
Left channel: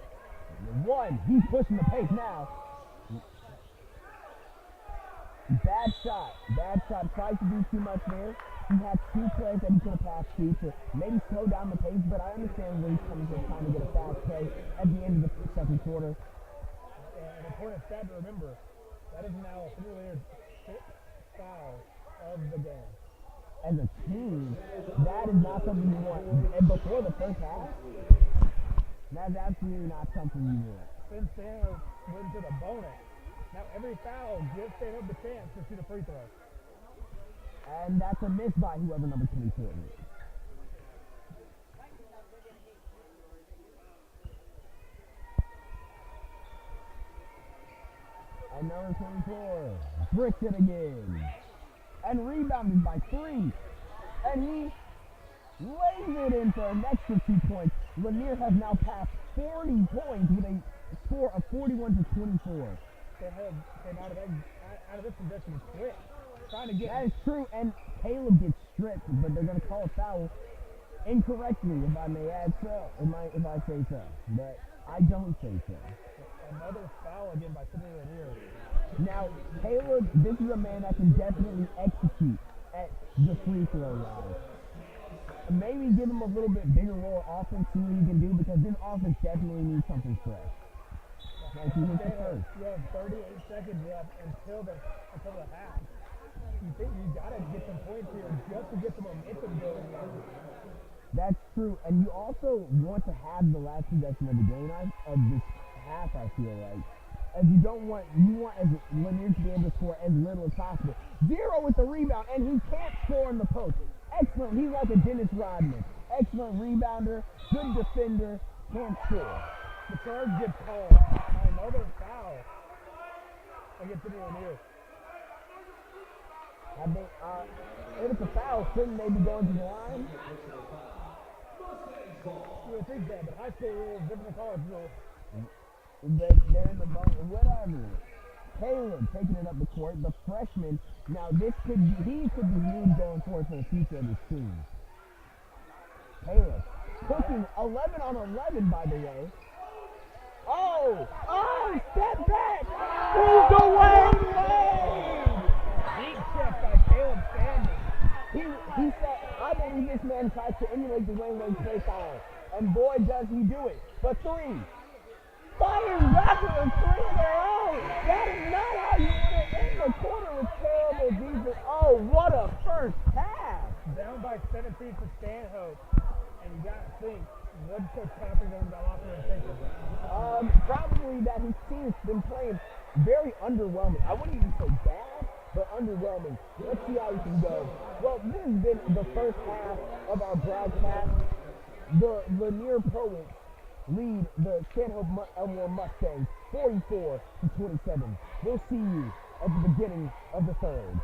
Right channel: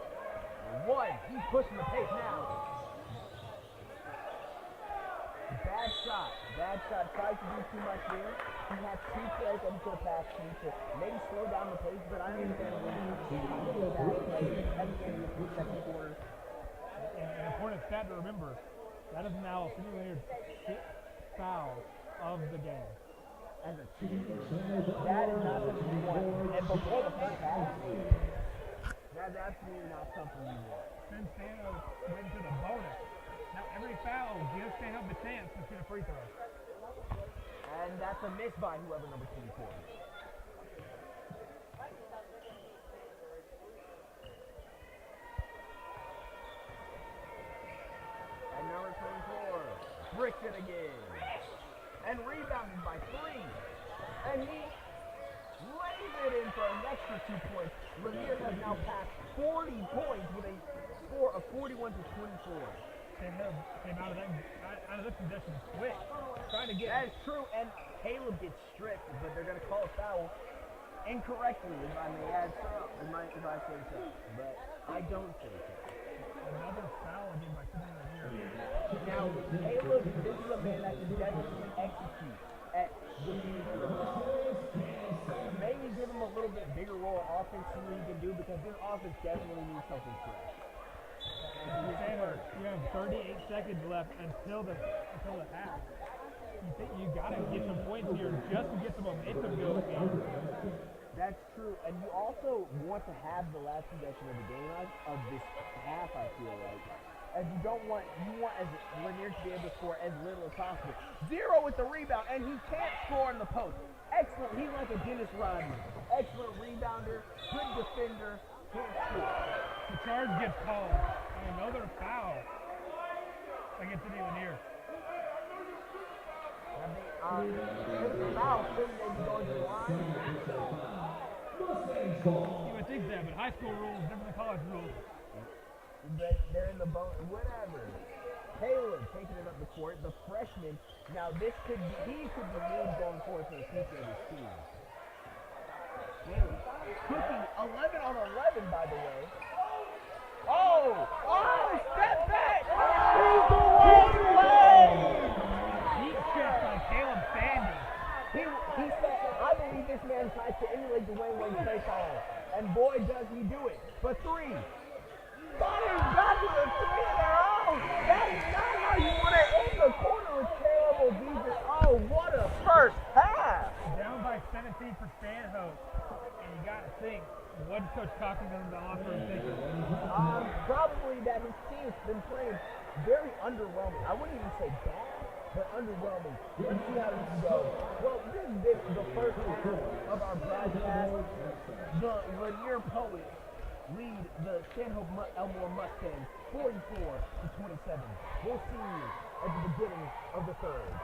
One. He's pushing the pace now. Bad shot. Bad shot. Tried to do too much there. He had two players that he could have passed to maybe slow down the pace, but I understand where he's coming from trying to get a fast play at the end of the second quarter. An important stat to remember, that is now Lanier sixth foul of the game. As a team, that is not something you want. And before the first half, that's absolutely not something you want. Since Stanhope went to the bonus, now every foul gives Stanhope the chance to shoot a free throw. And that's a miss by whoever number 24 is. And number 24 bricks it again. And rebounded by 3. And he lays it in for an extra 2 points. Lanier has now passed 40 points with a score of 41 to 24. They came out of this possession quick. Trying to get. That is true, and Caleb gets stripped, but they're going to call a foul incorrectly, if I may add so, if I say so. But I don't say so. Another foul again by Sidney Lanier. Now, Caleb, this is a man that can definitely execute at the free throw line. Maybe give him a little bit bigger role offense, see what he can do, because this offense definitely needs something fresh. You have 38 seconds left until the half. You think you gotta get some points here just to get some momentum going in. That's true, and you also want to have the last possession of the game of this half. I feel like, as you want as Lanier to be able to score as little as possible. 0 with the rebound, and he can't score in the post. Excellent, he's like a Dennis Rodman. Excellent rebounder, good defender, can't score. The charge gets called. Another foul against Sidney Lanier. If it's a foul, shouldn't they be going to the line? You would think that, but high school rules different than college rules. But they're in the bonus, whatever. Caleb taking it up the court, the freshman. Now he could be huge going forward for the future of his team. Caleb pushing 11 on 11, by the way. Step back! He's the Wayne Lane! Deep shot by Caleb Sandy. He said, I believe this man tries to emulate the Wayne Lane play style. And boy, does he do it. But 3. Fighting back to the free throw! That is not how you want to end the quarter with terrible defense. Oh, what a first half! Down by 17 for Stanhope. And you got to think, what's Coach talking to him about locker room thinking? Probably that his team's been playing very underwhelming. I wouldn't even say bad, but underwhelming. Let's see how we can go. Well, this has been the first half of our broadcast. The Lanier Poets lead the Stanhope Elmore Mustangs 44 to 27. We'll see you at the beginning of the third.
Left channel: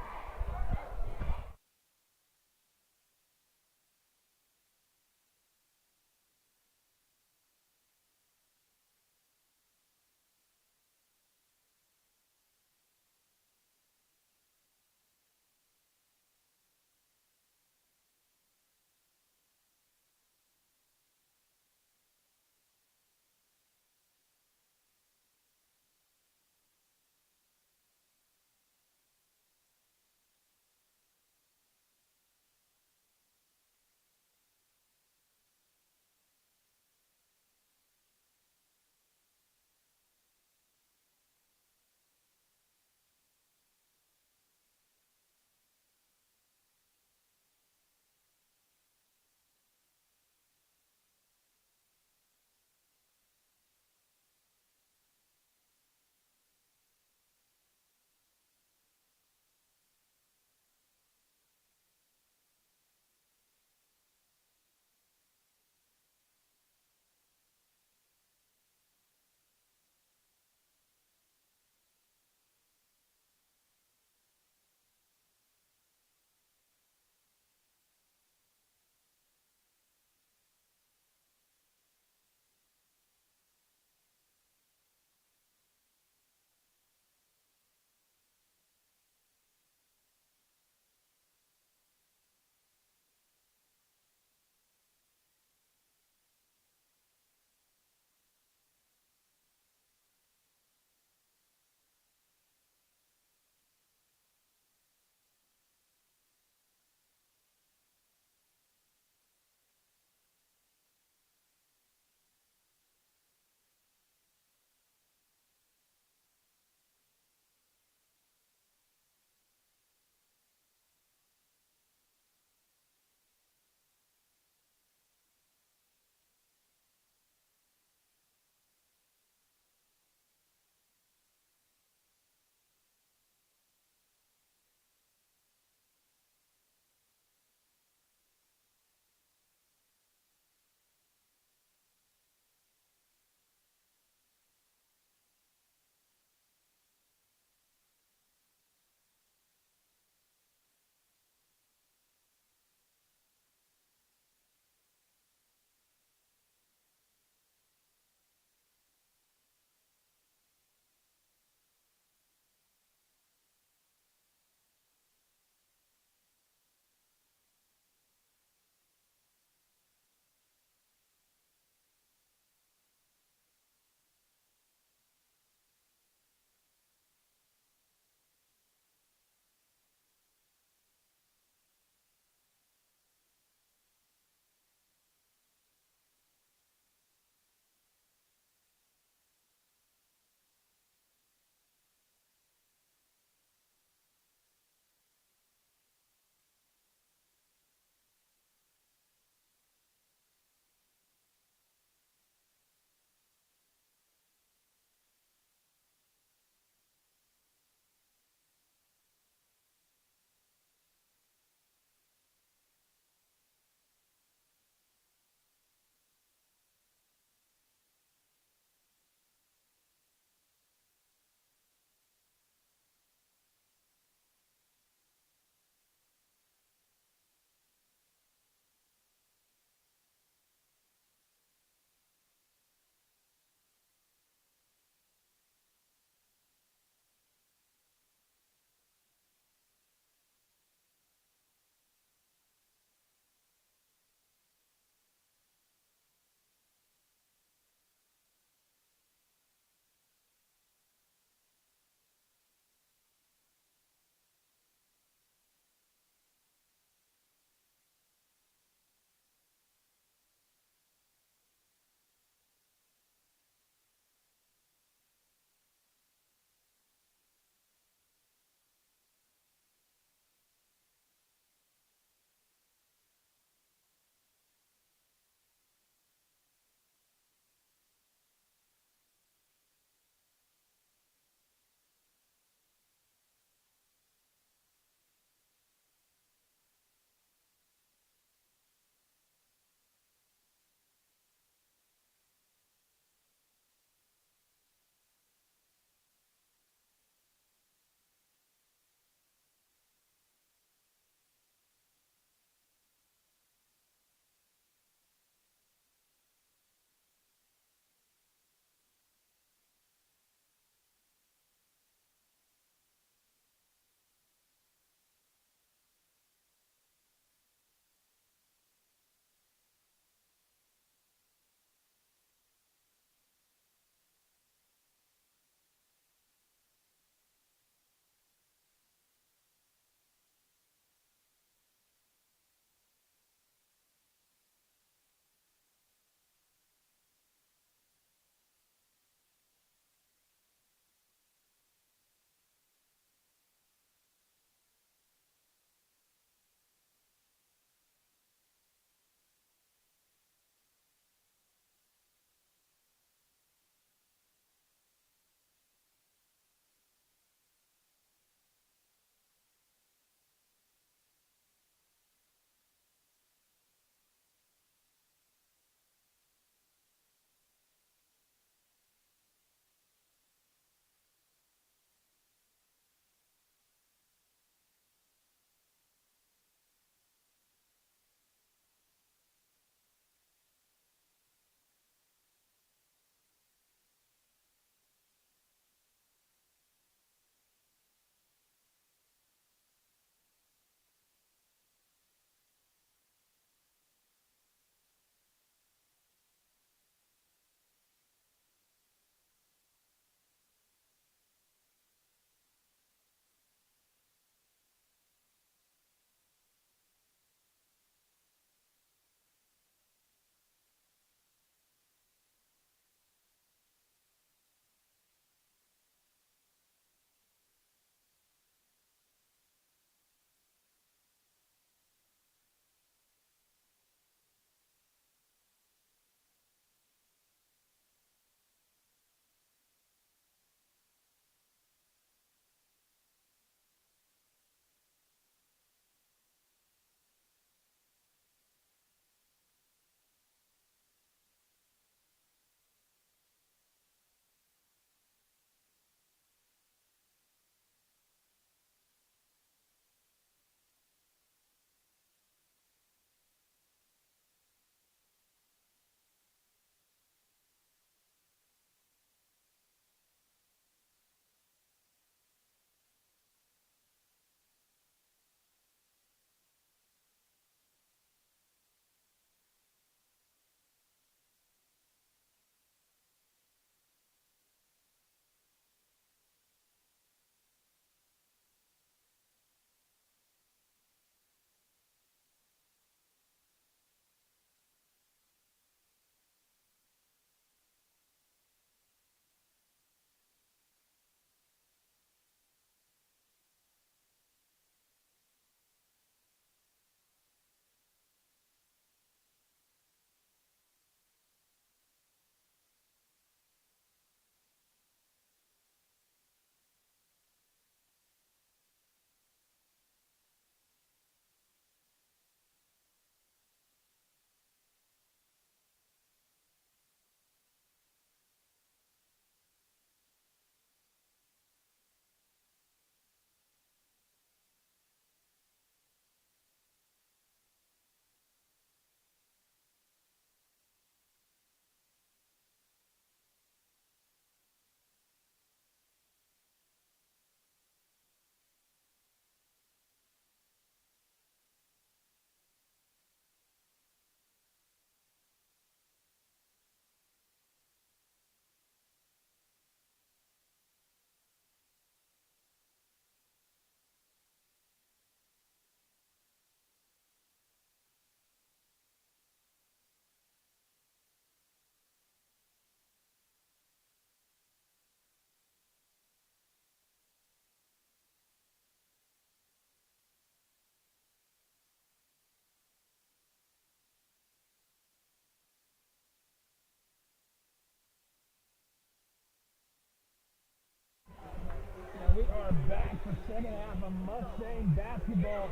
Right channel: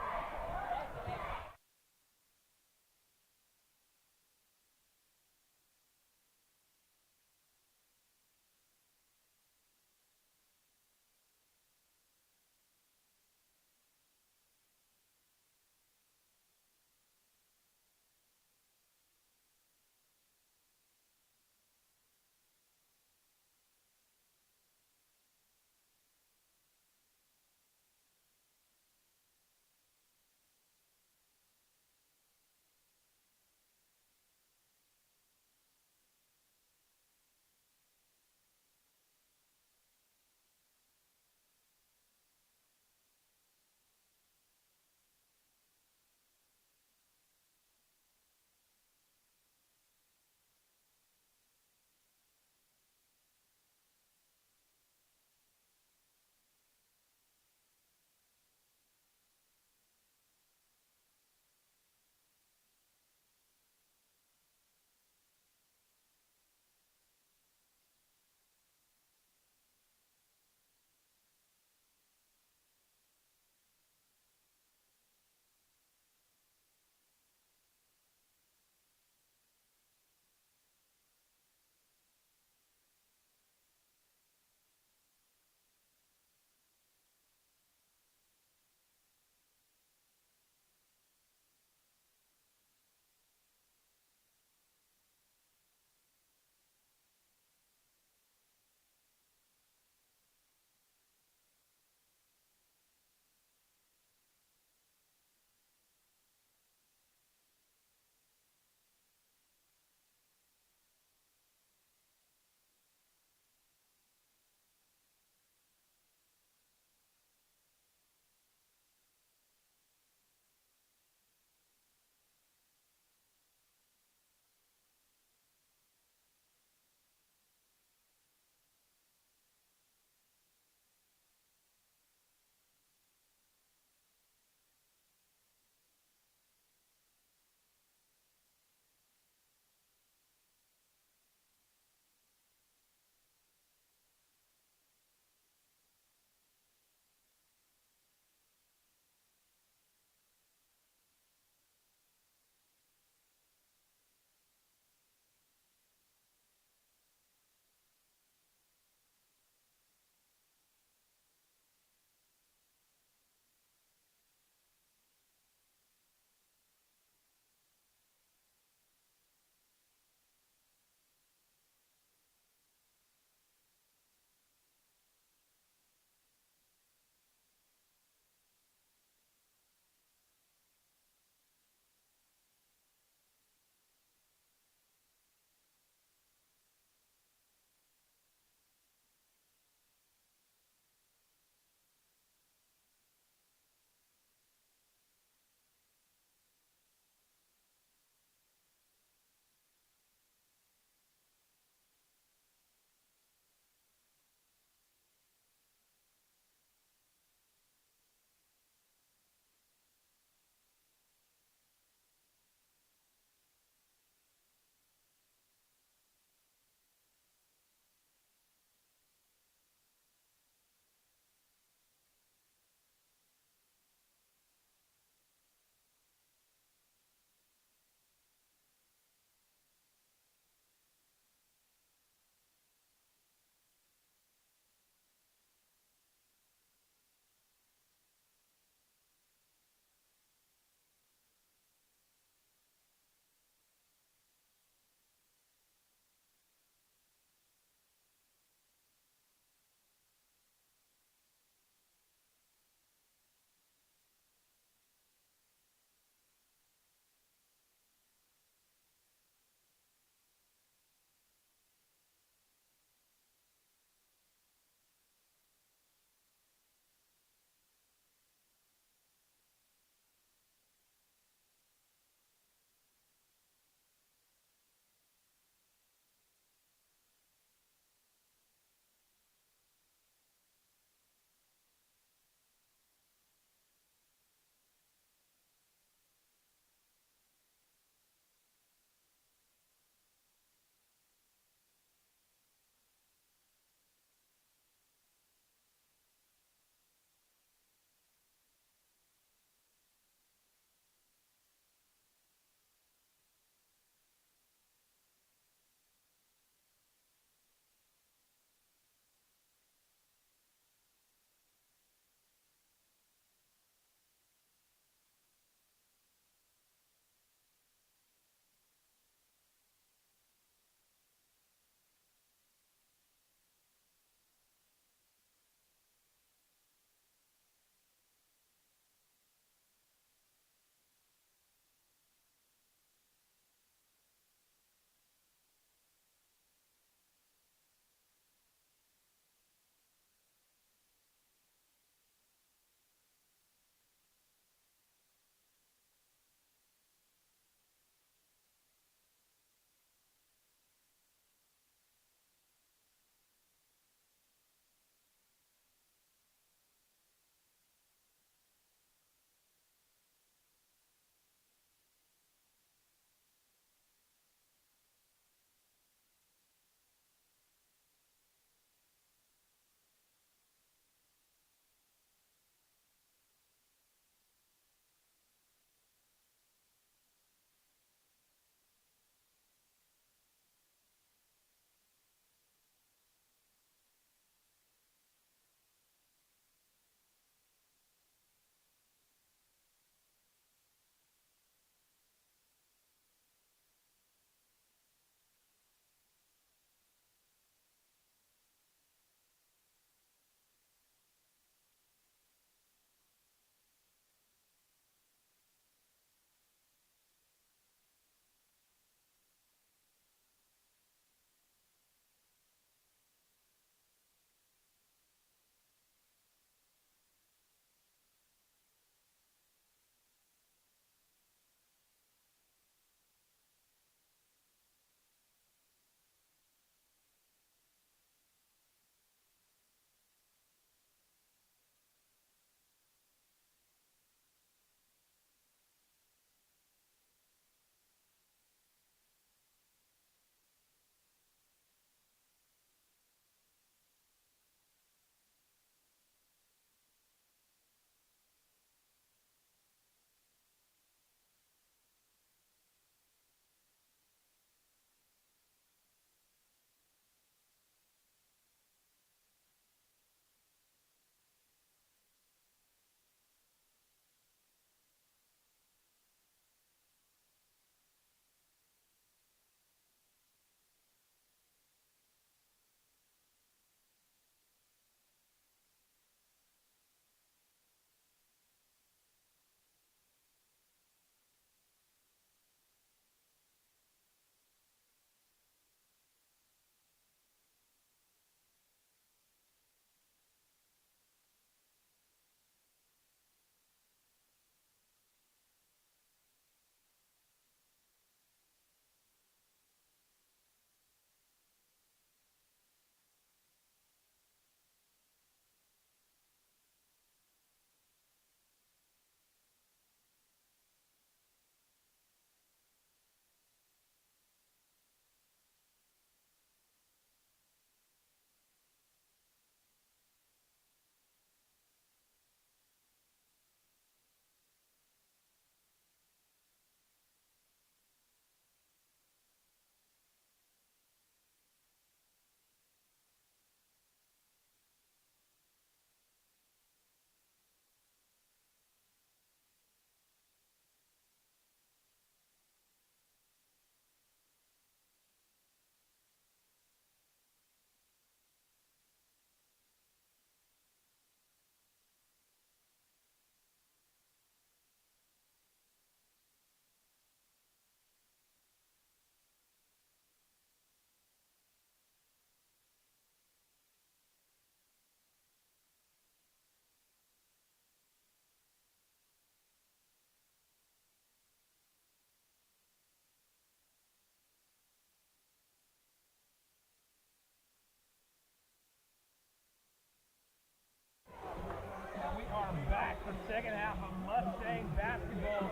Mustang basketball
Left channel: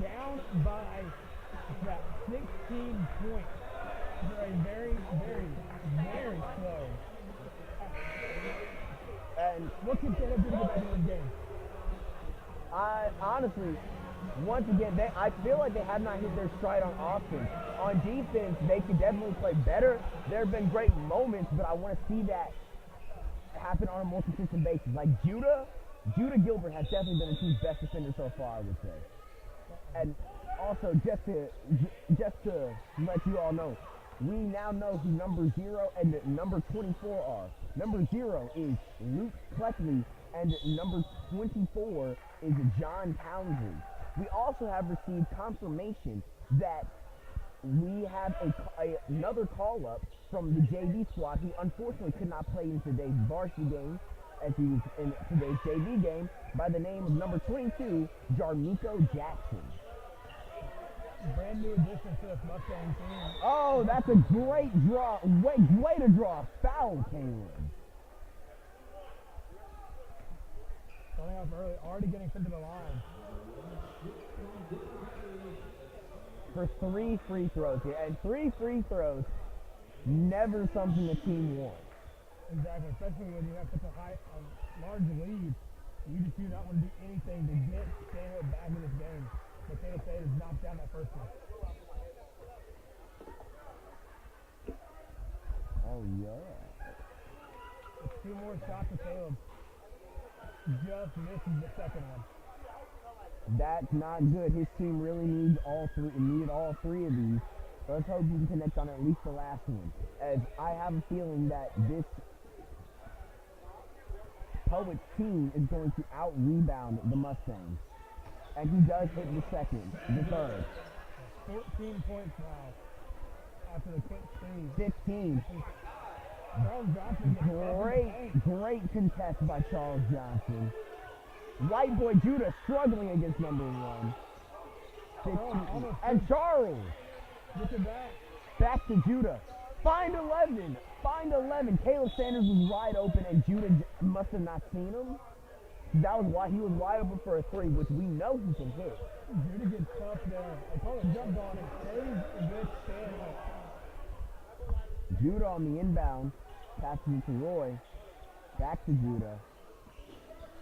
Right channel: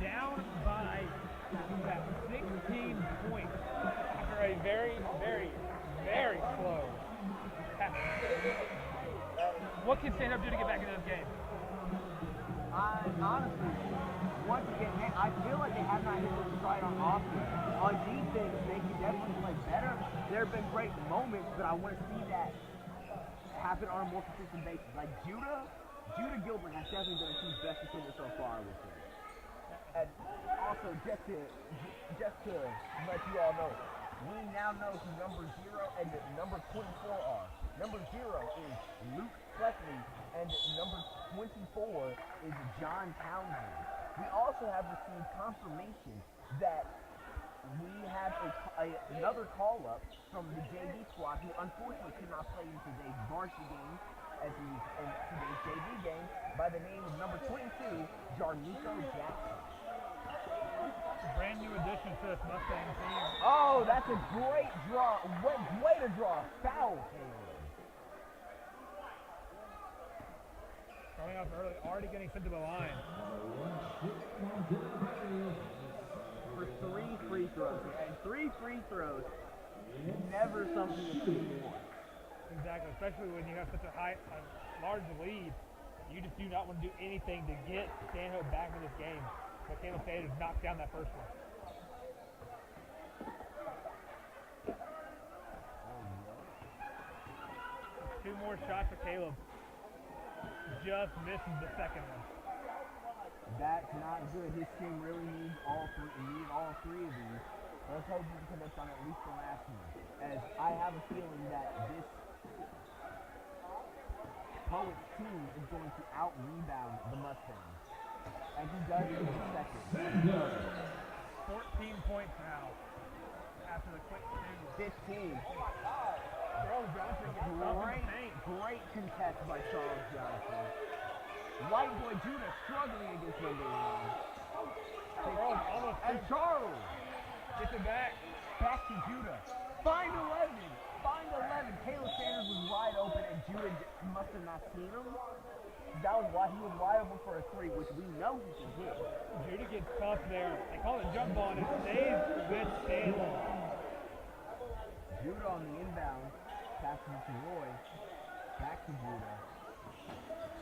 down by about 16 points after a very, very, very slow half. And What can Stanhope do to get back into this game? honestly, once again, I feel like they have not hit their stride on offense. On defense, they could definitely play better. There have been great moments, but I want to see that happen on a more consistent basis. Like Judah Gilbert has definitely been the team's best defender so far, I would say. And also, just to let you all know, we now know who number 0 and number 24 are. Number 0 is Luke Cleckley, and number 24 is John Townsend. We also have received confirmation that we have another call-up from the JV squad, who unfortunately could not play in today's varsity game, as he was in today's JV game, by the name of number 22, Jarmuko Jackson. Brand new addition to this Mustang team. Oh, that's a great draw. Way to draw a foul, Caleb. Coming up early, already getting sent to the line. For 3 free throws here, and 3 free throws, never something the team wants. Exactly, especially when you have such a large lead. You just do not want to do anything to get Stanhope back in this game. But Caleb Taylor knocked down that first one. Oh, yeah. With 2 more shots for Caleb. Just misses the second one. That's not good. His team really needed all 3 of these. Let's hope you can connect on at least the last one, as I have a feeling that this Poets team is going to out-rebound the Mustangs. And he does hit the second. The third. 14 points now after the quick 2. 15. Charles Johnson gets up in the paint. Great contest by Charles Johnson. White boy Judah struggling against number 1. 16. And Charles gets it back. Back to Judah. Find 11. Caleb Sanders was wide open, and Judah must have not seen him. That was why he was wide open for a 3, which we know he can hit. Judah gets tough there. They call it jump ball, and it stays with Stanhope. Judah on the inbound. Passes it to Roy. Back to Judah.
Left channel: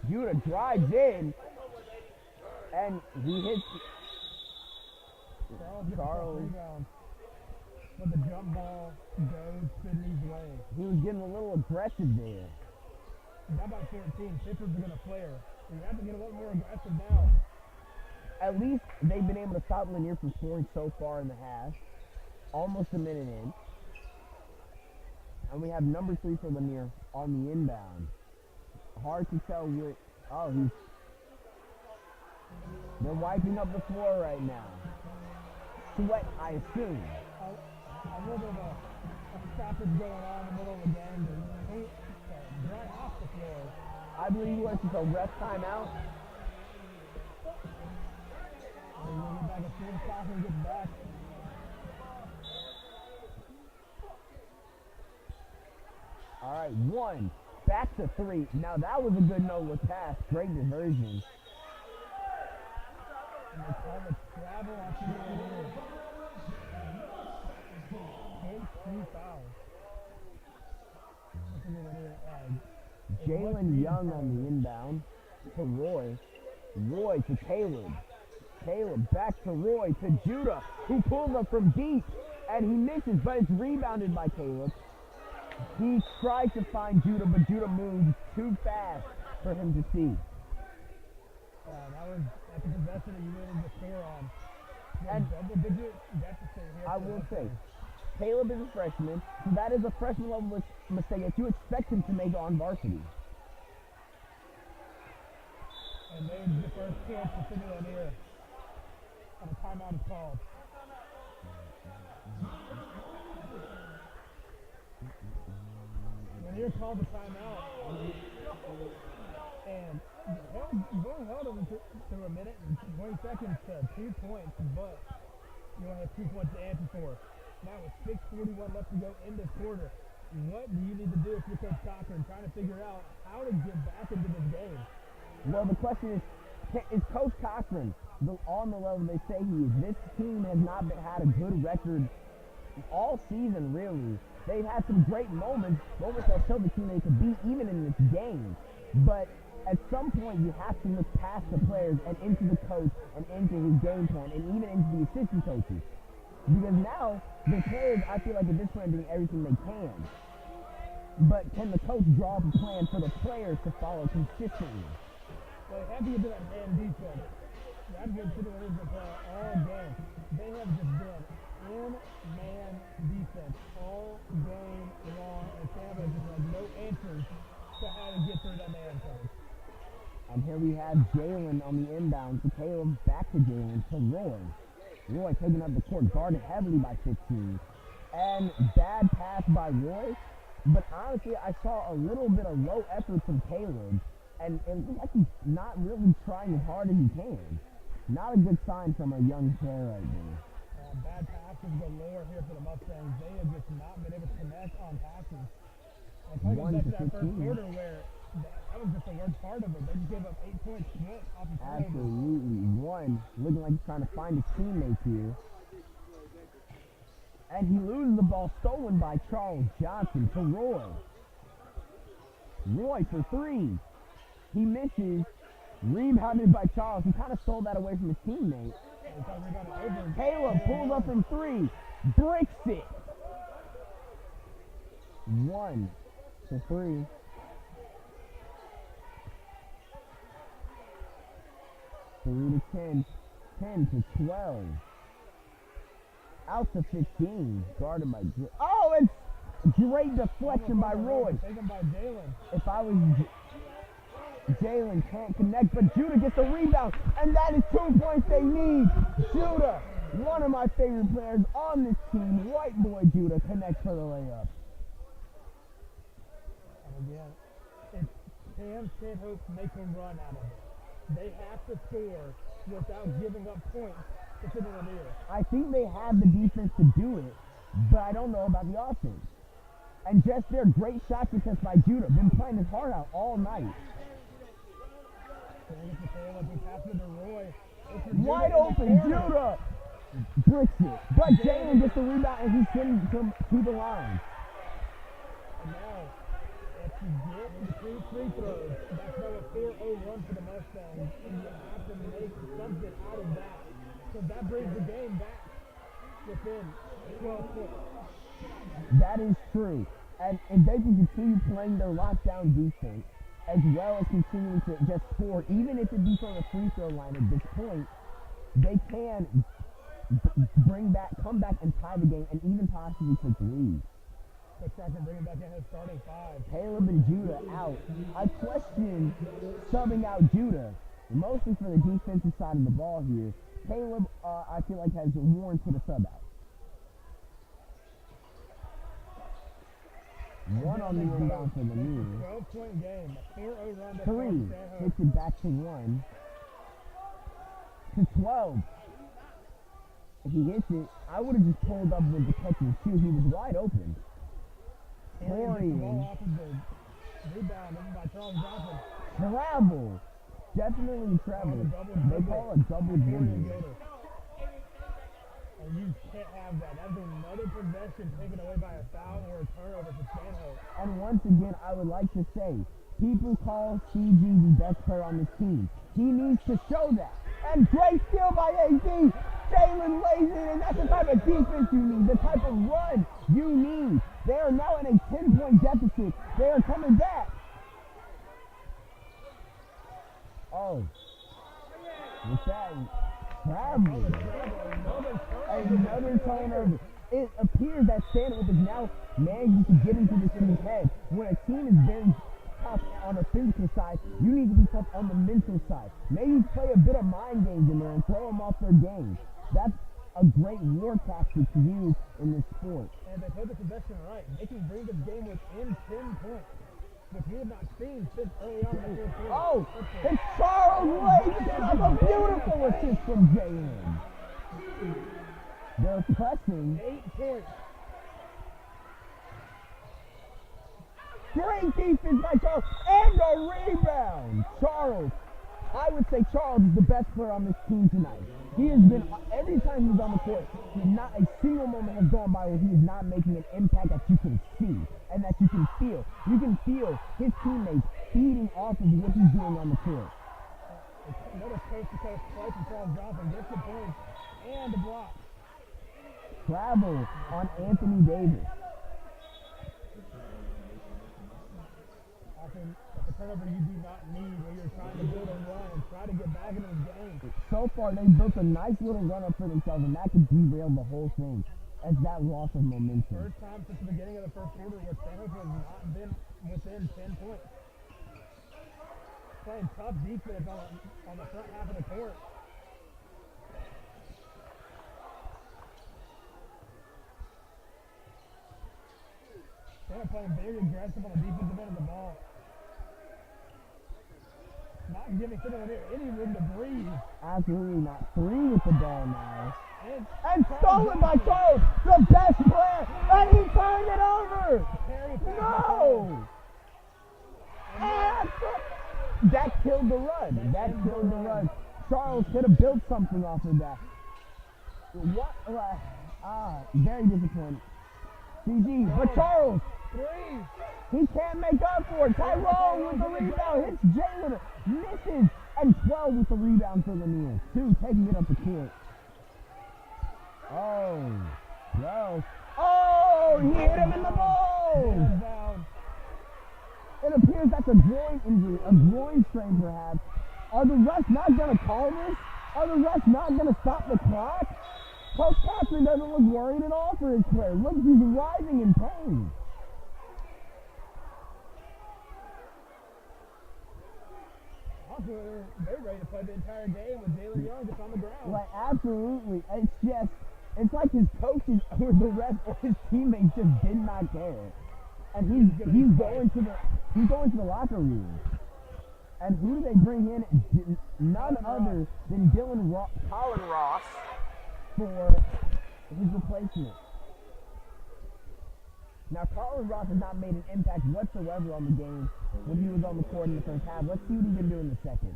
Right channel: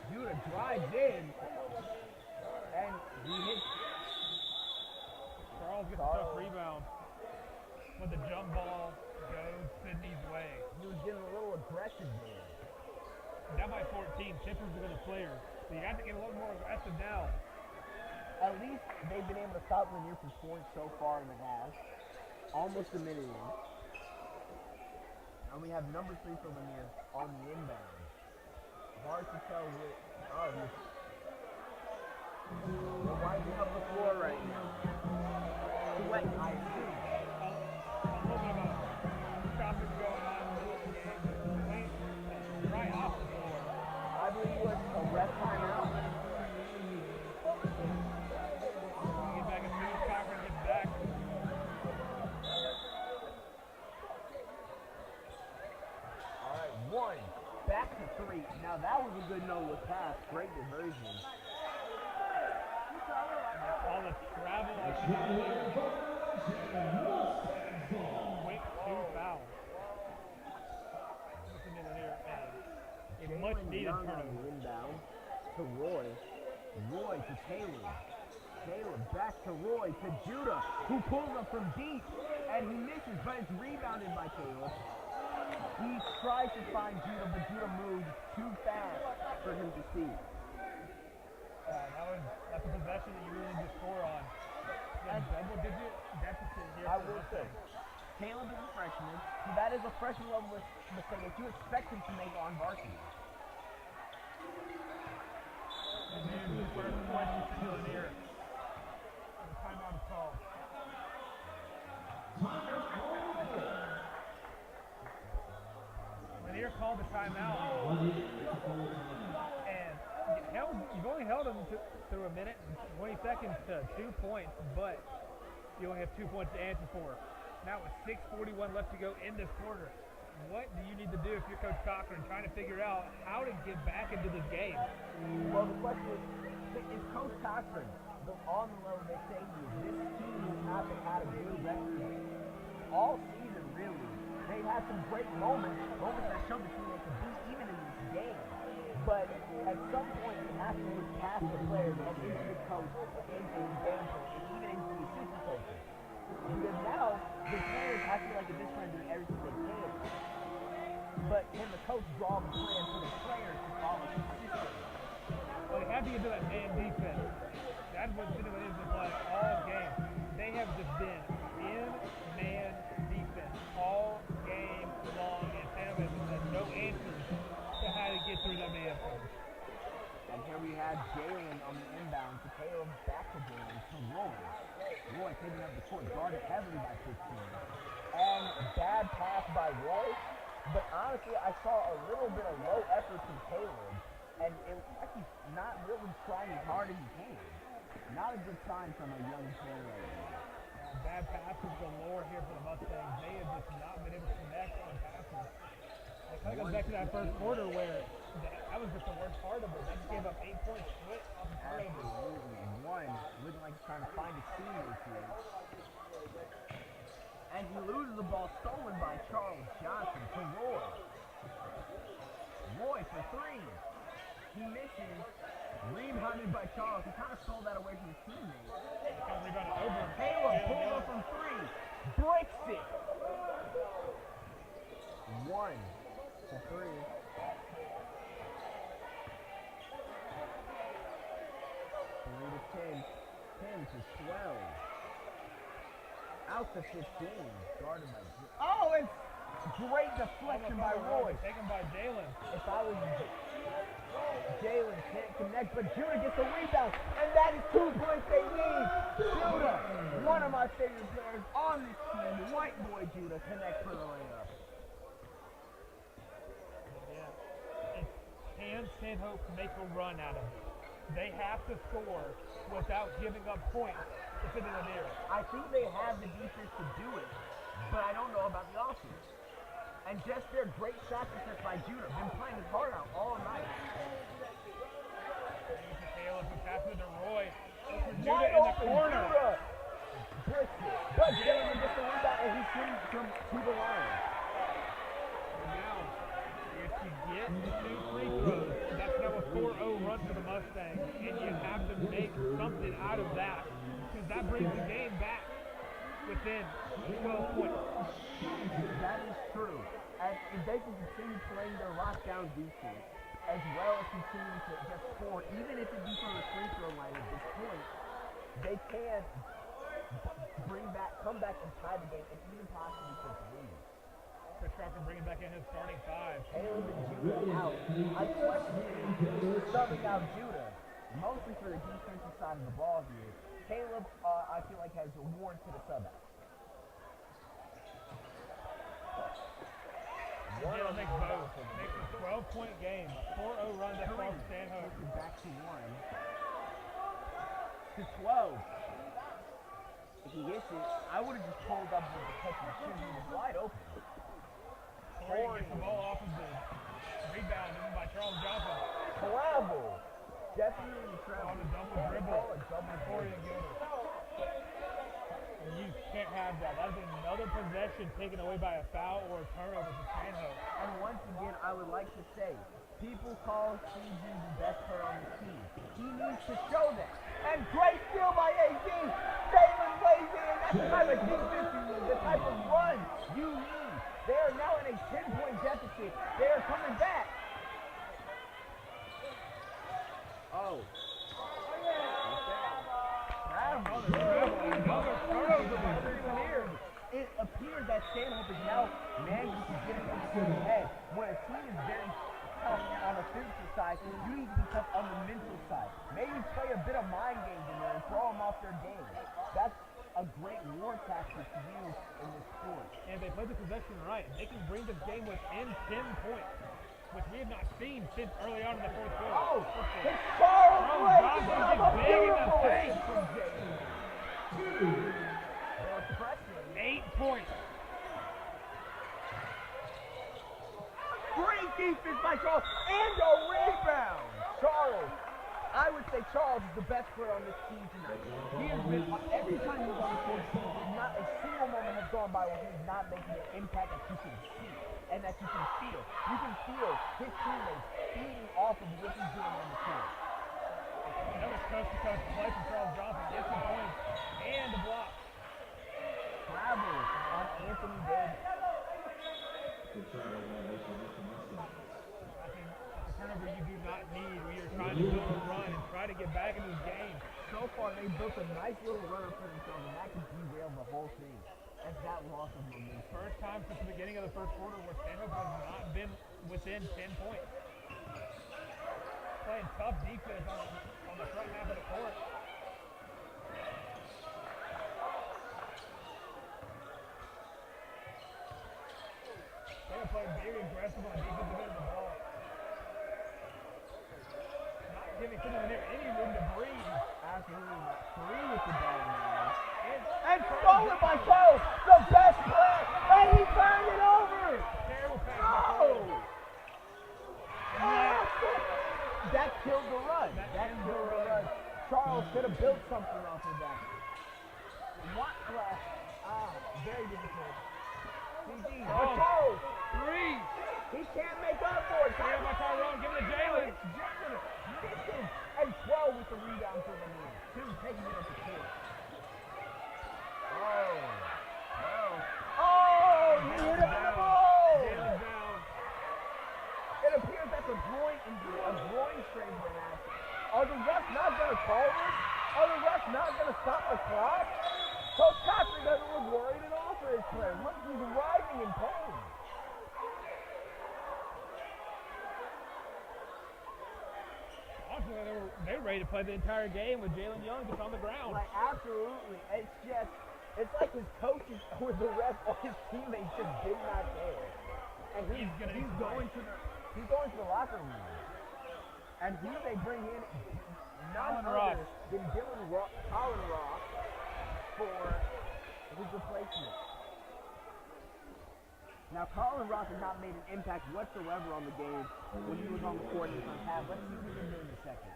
Judah drives in, and he hits. Charles gets a tough rebound. But the jump ball goes Sidney's way. He was getting a little aggressive there. Down by 14, Pittsburgh's a good player. So you have to get a little more aggressive now. At least they've been able to stop Lanier from scoring so far in the half. Almost a minute in. And we have number 3 for Lanier on the inbound. Hard to tell what. Oh, they're wiping up the floor right now. Sweat, I assume. A little bit of a stoppage going on in the middle of the game. Right off the floor. I believe it was just a ref timeout. We'll get back as soon as Cochran gets back. All right, 1. Back to 3. Now that was a good no-look pass. Great diversion. And they call a travel like she did there. Wings 2 fouls. Jalen Young on the inbound to Roy. Roy to Caleb. Caleb back to Roy to Judah, who pulls up from deep, and he misses, but it's rebounded by Caleb. He tries to find Judah, but Judah moves too fast for him to see. That's a possession that you really need to score on. And double-digit deficit here. I will say, Caleb is a freshman, so that is a freshman level mistake that you expect him to make on varsity. And there's the first point for Sidney Lanier. And the timeout is called. Lanier called the timeout. And you've only held him through a minute and 20 seconds to 2 points, but you only have 2 points to answer for. Now with 6:41 left to go in this quarter, what do you need to do if you're Coach Cochran trying to figure out how to get back into this game? Well, the question is, Is Coach Cochran on the level they say he is? This team has not had a good record all season, really. They had some great moments that showed the team they could beat even in this game. But at some point, you have to look past the players and into the coach and into his game plan and even into the assistant coaches. Because now, the players, I feel like at this point, are doing everything they can. But can the coach draw up a plan for the players to follow consistently? Well, they have to get to that man defense. That's what Sidney is to play all game. They have just been in man defense all game long, and Stanhope has no answers to how to get through that man coach. And here we have Jalen on the inbound to Caleb, back to Jalen to Roy. Roy taking up the court, guarded heavily by 15. And bad pass by Roy. But honestly, I saw a little bit of low effort from Caleb. And it looks like he's not really trying as hard as he can. Not a good sign from a young player right there. Bad passes galore here for the Mustangs. They have just not been able to connect on passes. I took us back to that first quarter where that was just the worst part of it. They just gave up 8 points split. Absolutely. One looking like he's trying to find his teammates here. And he loses the ball, stolen by Charles Johnson to Roy. Roy for three. He misses. Rebounded by Charles. He kind of stole that away from his teammate. Caleb pulls up from three. Breaks it. 1 to 3. Three to 10. 10 to 12. Out to 15. Guarded by oh, and great deflection by Roy. Taken by Jalen. If I was Jalen can't connect, but Judah gets the rebound, and that is 2 points they need. Judah, one of my favorite players on this team, white boy Judah, connects for the layup. Again, can Stanhope make a run out of it? They have to score without giving up points to Sidney Lanier. I think they have the defense to do it, but I don't know about the offense. And just their great shot defense by Judah, been playing his heart out all night. Wide open, Judah bricks it. But Jalen gets the rebound and he's sending him to the line. And now, if you get 2 free throws, that's now a 4-0 run for the Mustangs, and you have to make something out of that, because that brings the game back within 12 points. That is true. And if they can continue playing their lockdown defense, as well as continuing to just score, even if it be from the free throw line at this point, they can come back and tie the game, and even possibly take the lead. Coach Crawford bringing back in his starting 5. Caleb and Judah out. I question subbing out Judah, mostly for the defensive side of the ball here. Caleb, I feel like, has warranted a sub out. One on the inbound for the lead. 12-point game, a 4-0 run to Three. Stanhope. Takes it back to 1. To 12. If he hits it, I would have just pulled up with the catch and shoot. He was wide open. Corey gets the ball off of the rebound by Charles Johnson. Travel. Definitely travel. They call a double dribble. You can't have that. That is another possession taken away by a foul or a turnover for Stanhope. And once again, I would like to say, people call CG the best player on this team. He needs to show that. And great steal by AD. Jalen lays it, and that's the type of defense you need, the type of run you need. They are now in a 10-point deficit. They are coming back. Oh. What's that? Travel. Another turnover. It appears that Stanhope is now managing to get into the team's head. When a team is very tough on the physical side, you need to be tough on the mental side. Maybe play a bit of mind games in there and throw them off their game. That's a great war tactic to use in this sport. And if they play the possession right, they can bring this game within 10 points, which we have not seen since early on in the fourth quarter. Oh, it's Charles Lake! A beautiful assist from Jalen. They're pressing. 8 points. Great defense by Charles, and a rebound. Charles, I would say Charles is the best player on this team tonight. He has been, every time he's on the court, not a single moment has gone by where he is not making an impact that you can see and that you can feel. You can feel his teammates feeding off of what he's doing on the court. That was coast-to-coast play from Charles Johnson. Gets the points and the block. Travel on Anthony Davis. I think that's a turnover you do not need when you're trying to build a run and try to get back into the game. So far, they built a nice little run up for themselves, and that could derail the whole thing as that loss of momentum. First time since the beginning of the first quarter where Stanhope has not been within 10 points. Playing tough defense on the front half of the court. They're playing very aggressive on the defensive end of the ball. Not giving Lanier any room to breathe. Absolutely not. 3 with the ball now. And stolen by Charles, the best player, and he turned it over. Terrible pass. No! That killed the run. That killed the run. Charles could have built something off of that. What? Very disappointing. GG. But Charles, 3. he can't make up for it. Tyrone with the rebound. Hits Jalen. Misses. And 12 with the rebound for Lanier. 2 taking it up the court. Oh. Well. Oh, he hit him in the balls. It appears that's a groin injury, a groin strain perhaps. Are the refs not going to call this? Are the refs not going to stop the clock? Coach Cochran doesn't look worried at all for his player. Look, he's writhing in pain. Also, they're ready to play the entire game with Jalen Young just on the ground. Like, absolutely. It's like his coaches or the refs or his teammates just did not care. And he's going to the locker room. And who do they bring in? None other than Colin Ross for his replacement. Now, Colin Ross has not made an impact whatsoever on the game when he was on the court in the first half. Let's see what he can do in the second.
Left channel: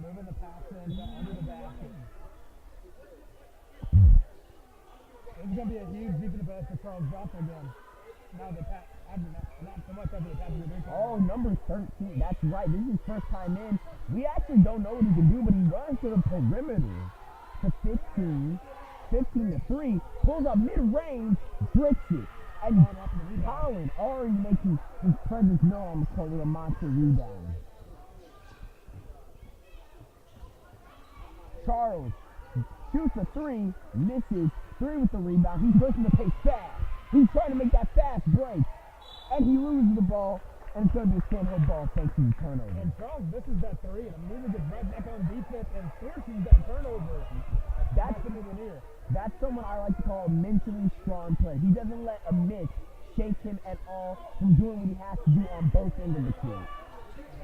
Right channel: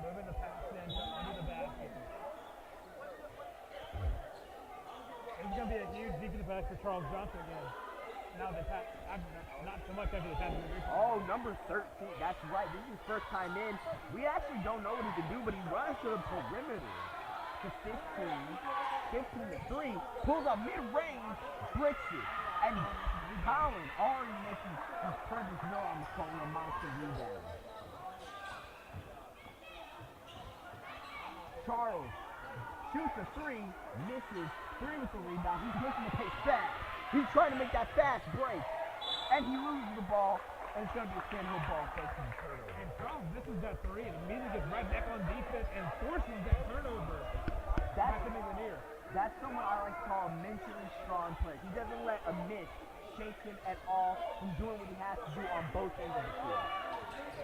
Moving the pass into the basket. It's going to be a huge defensive pass for Charles Johnson again. Now the pass, not so much after the pass of the three-point. Oh, number 13. That's right. This is his first time in. We actually don't know what he can do, but he runs to the perimeter to 15. 15 to 3. Pulls up mid-range, bricks it. And Colin already making his presence known on the court with a monster rebound. Charles shoots a 3, misses. 3 with the rebound. He's looking to play fast. He's trying to make that fast break. And he loses the ball. And it's going to be a Stanhope ball thanks to the turnover. And Charles misses that 3 and immediately gets right back on defense and forces that turnover. That's someone I like to call a mentally strong player. He doesn't let a miss shake him at all from doing what he has to do on both ends of the court.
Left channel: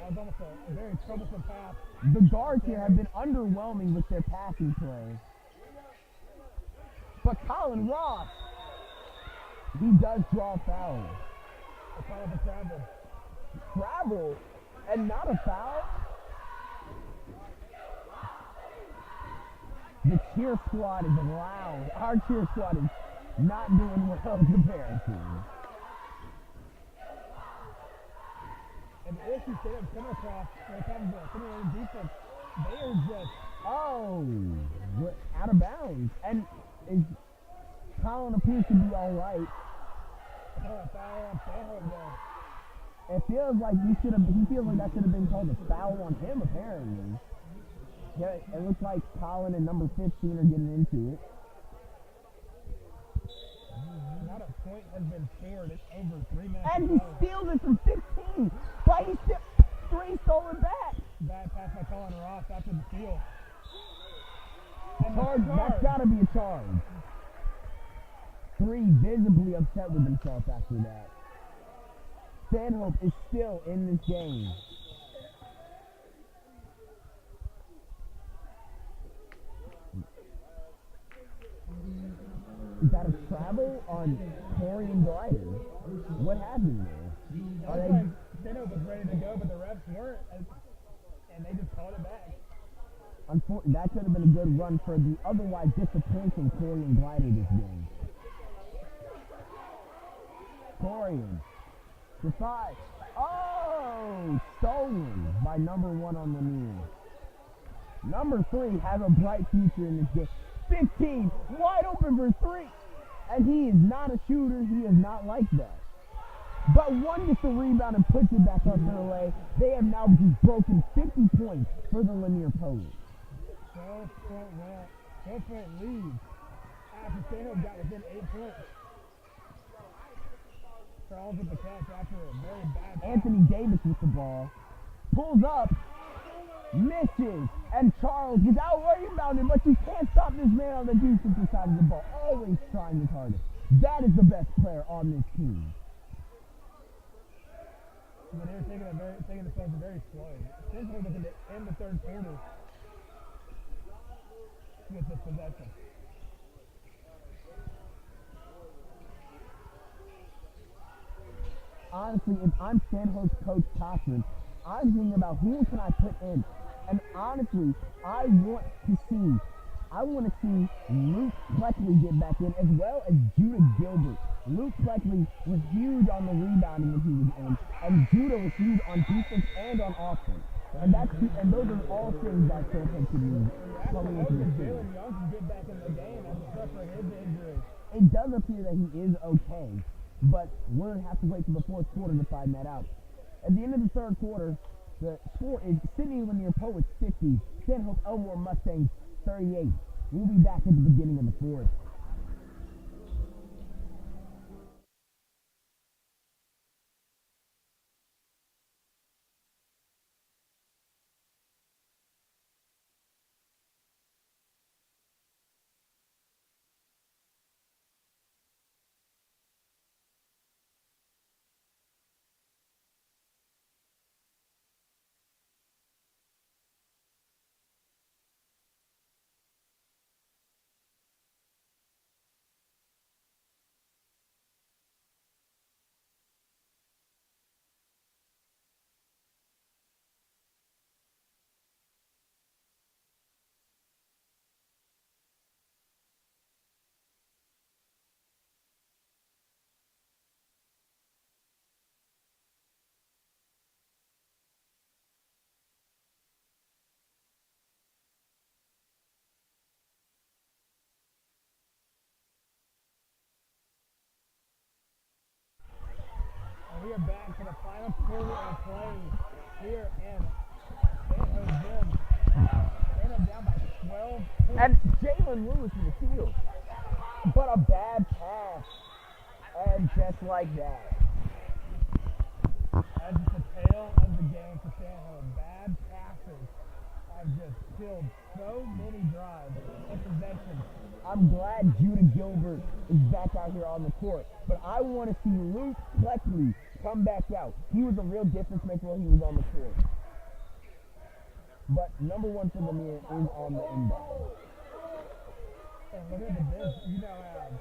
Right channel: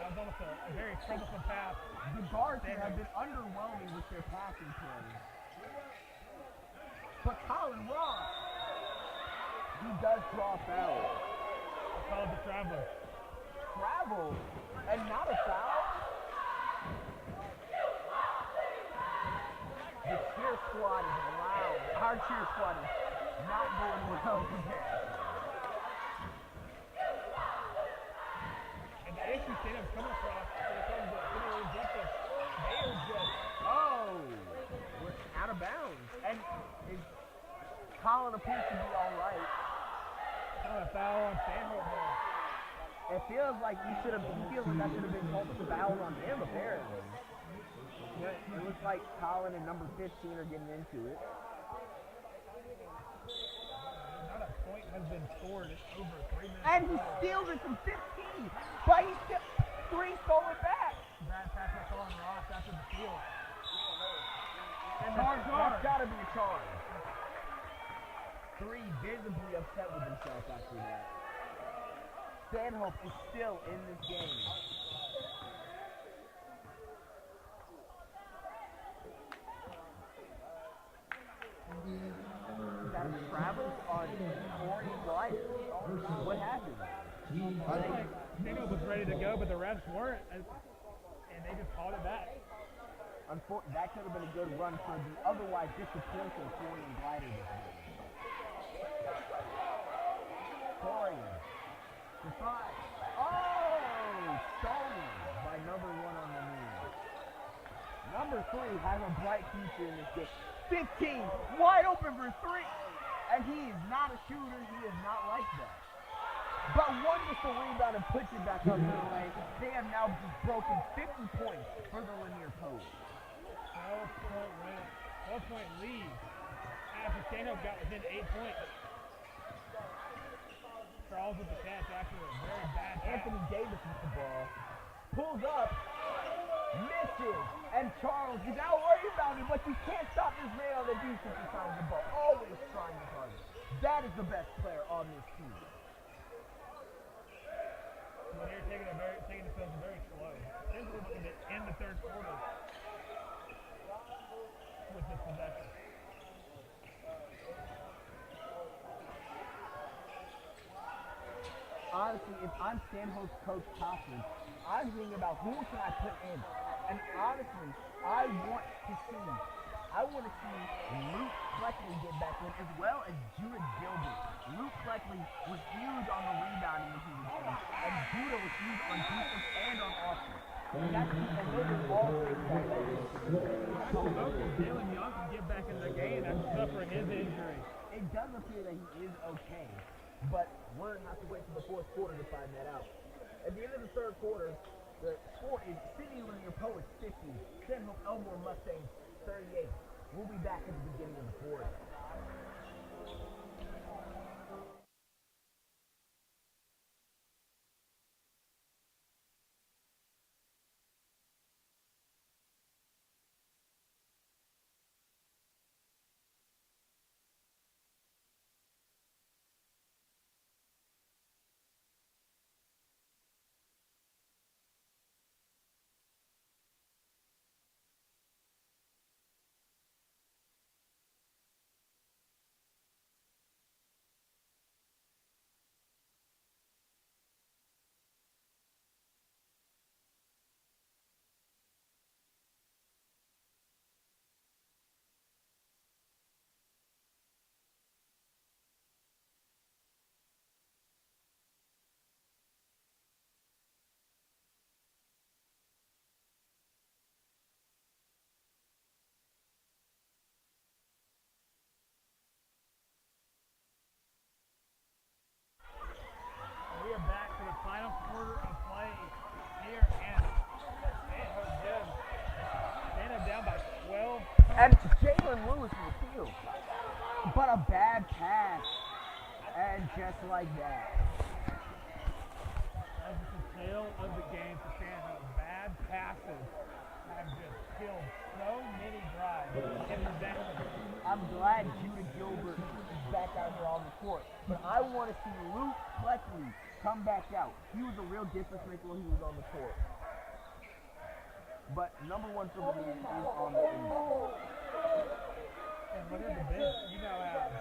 That was almost a very troublesome pass. The guards here have been underwhelming with their passing play. But Colin Ross, he does draw a foul. I call it the travel. Travel and not a foul? The cheer squad is loud. Our cheer squad is not doing well compared to. And the issue Stanhope's coming across when it comes to finishing defense, they are just... Oh, we're out of bounds. And Colin appears to be all right. A foul on Stanhope there. It feels like he feels like that should have been called a foul on him, apparently. But it looks like Colin and number 15 are getting into it. Not a point has been scored. It's over 3 minutes. And he steals it from 15. But he still 3 stolen back. Bad pass by Colin Ross after the steal. Charge. That's got to be a charge. 3 visibly upset with himself after that. Stanhope is still in this game. that travel on Corian Glider. What happened there? Like, Stanhope was ready to go, but the refs weren't, and they just called it back. Unfortunately, that could have been a good run for the otherwise disappointing Corian Glider this game. Corian. To 5. Oh! Stolen by number 1 on the knee. Number 3 has a bright future in this game. 15, wide open for 3. And he is not a shooter. He is not like that. But one gets the rebound and puts it back up their way. They have now just broken 50 points for the Lanier Poets. 12-point lead. After Stanhope got within 8 points. Charles with the catch after a very bad pass. Anthony Davis with the ball. Pulls up. Misses. And Charles is out rebounded, but you can't stop this man on the defensive side of the ball. Always trying his hardest. That is the best player on this team. But they're taking the field very slow. Since we're looking to end the third quarter with this possession. Honestly, if I'm Stanhope's coach Cochran, I'm thinking about who can I put in. And honestly, I want to see Luke Fleckley get back in, as well as Judah Gilbert. Luke Fleckley was huge on the rebounding when he was in, and Judah was huge on defense and on offense. And those are all things that Stanhope should do coming into this game. Jalen Young can get back in the game after suffering his injury. It does appear that he is okay, but we're going to have to wait till the fourth quarter to find that out. At the end of the third quarter, the score is Sidney Lanier Poets 50, Stanhope Elmore Mustangs 38. We'll be back at the beginning of the fourth. We are back for the final quarter of play here, and Stanhope Gym ended down by 12. And Jalen Lewis in the field. But a bad pass. And just like that. That's just the tail of the game for Stanhope. Bad passes have just killed so many drives and possessions. I'm glad Judah Gilbert is back out here on the court. But I want to see Luke Fleckley come back out. He was a real difference maker when he was on the court. But number 1 for Lanier is on the inbound. And look at the bench. You now have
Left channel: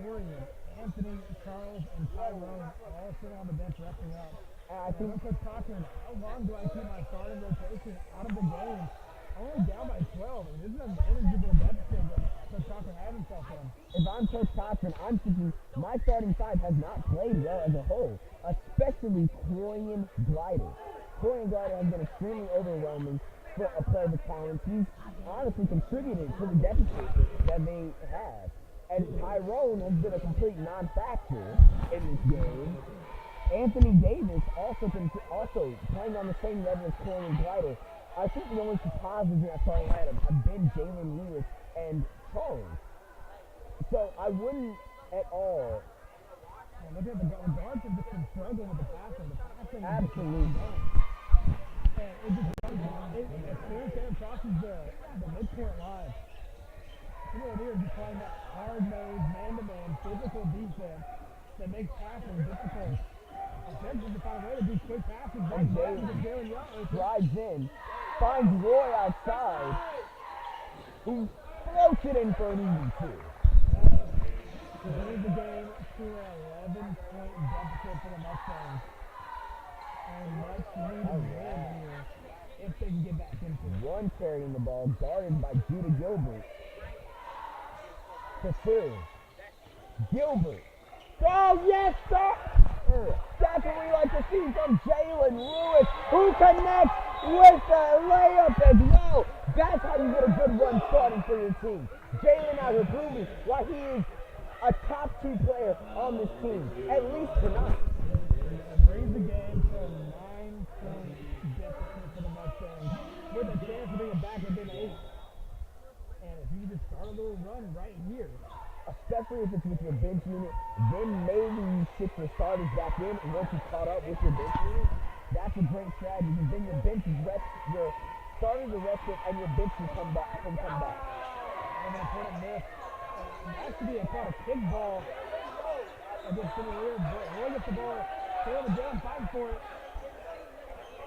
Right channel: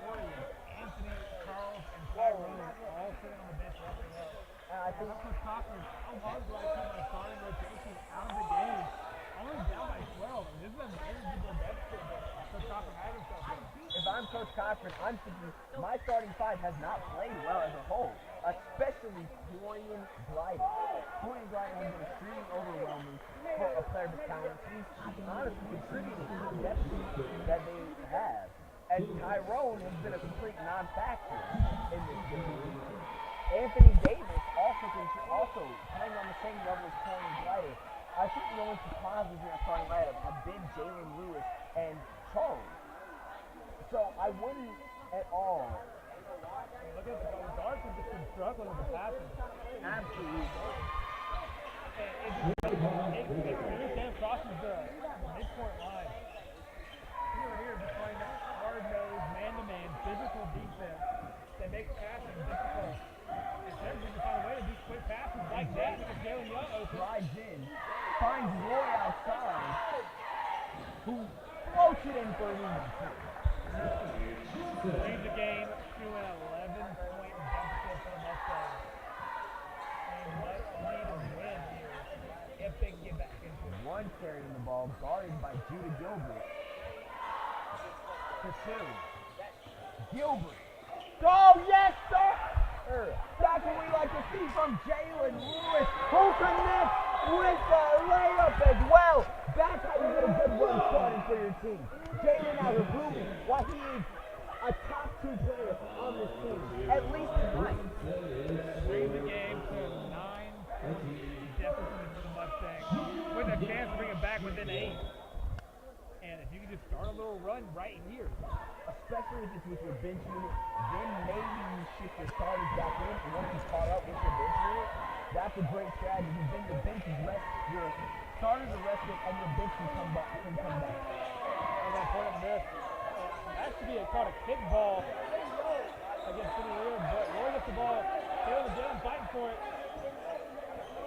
Corian, Anthony, Charles, and Tyrone all sitting on the bench resting up. And I think for Cochran, how long do I keep my starting rotation out of the game? Only down by 12. I mean, this is a manageable deficit that Cochran had himself in. if I'm Coach Cochran, I'm thinking my starting 5 has not played well as a whole, especially Corian Glider. Corian Glider has been extremely overwhelming for a player of his talent. He's honestly contributed to the deficit that they have. And Tyrone has been a complete non-factor in this game. Anthony Davis also playing on the same level as Corian Glider. I think the only positives in that starting lineup have been Jalen Lewis and Charles. So I wouldn't at all. Look at the guards have just been struggling with the passing. Absolutely. And it just every time crosses the midcourt line. Lanier just playing that hard-nosed, man-to-man, physical defense that makes passing difficult. And Central to find a way to do quick passes like that because Jalen Young drives in, finds Roy outside, who floats it in for an easy two. Leads the game to an 11-point deficit for the Mustangs. And much needed win here if they can get back into it. One carrying the ball, guarded by Judah Gilbert. To two. Gilbert. Oh, yes, sir! That's what we like to see from Jalen Lewis, who connects with the layup as well. That's how you get a good run started for your team. Jalen out here proving why he is a top 2 player on this team, at least tonight. Brings the game to a 9-point deficit for the Mustangs, with a chance to bring it back within 8. And if you can just start a little run right here, especially if it's with your bench unit, then maybe you shift your starters back in, and once you've caught up with your bench unit, that's a great strategy, because then your bench is rest, your starters are rested, and your bench can come back. And that's what a miss. That should be called a kick ball against Lanier, but we'll get the ball. Caleb again, fighting for it.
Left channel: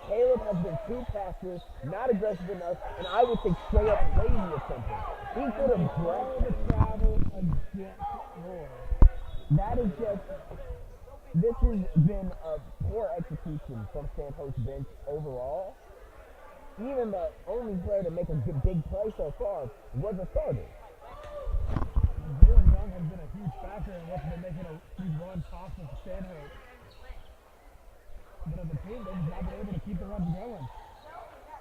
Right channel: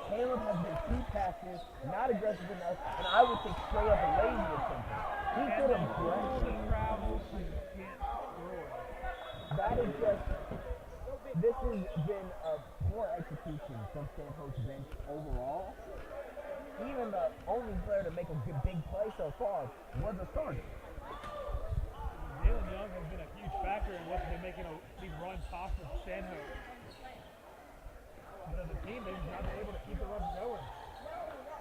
Caleb has been too passive, not aggressive enough, and I would say straight up lazy or something. He could have dropped the travel against Roy. That is just, this has been a poor execution from Stanhope's bench overall. Even the only player to make a big play so far was a starter. Jalen Young has been a huge factor in what's been making these runs possible for Stanhope. But as a team, they've not been able to keep the runs going.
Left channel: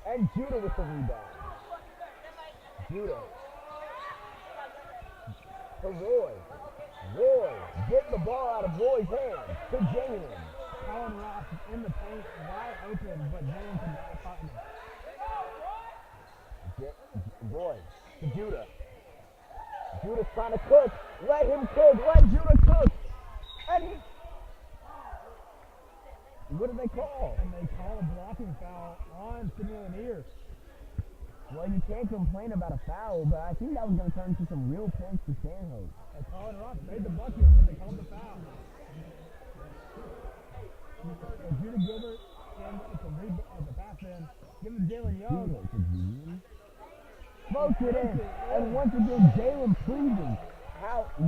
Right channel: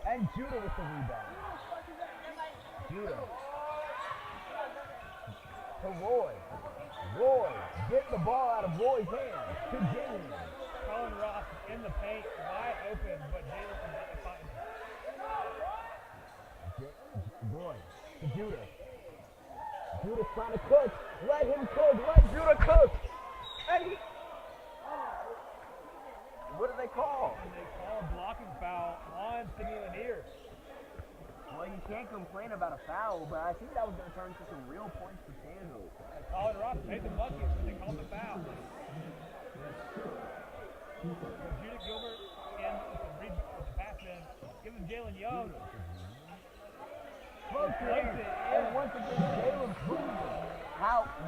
And Judah with the rebound. Judah. To Roy. Roy, get the ball out of Roy's hands to Jalen. Colin Ross is in the paint, wide open, but Jalen can not find him. Roy to Judah. Judah's trying to cook. Let him cook. Let Judah cook. And he... What do they call? And they call a blocking foul on Sidney Lanier. Well, you can't complain about a foul, but I think that was going to turn into some real points for Stanhope. And Colin Ross made the bucket, but they called the foul. So Judah Gilbert in with the pass in, giving Jalen Young. Smokes it in. And once again, Jalen proving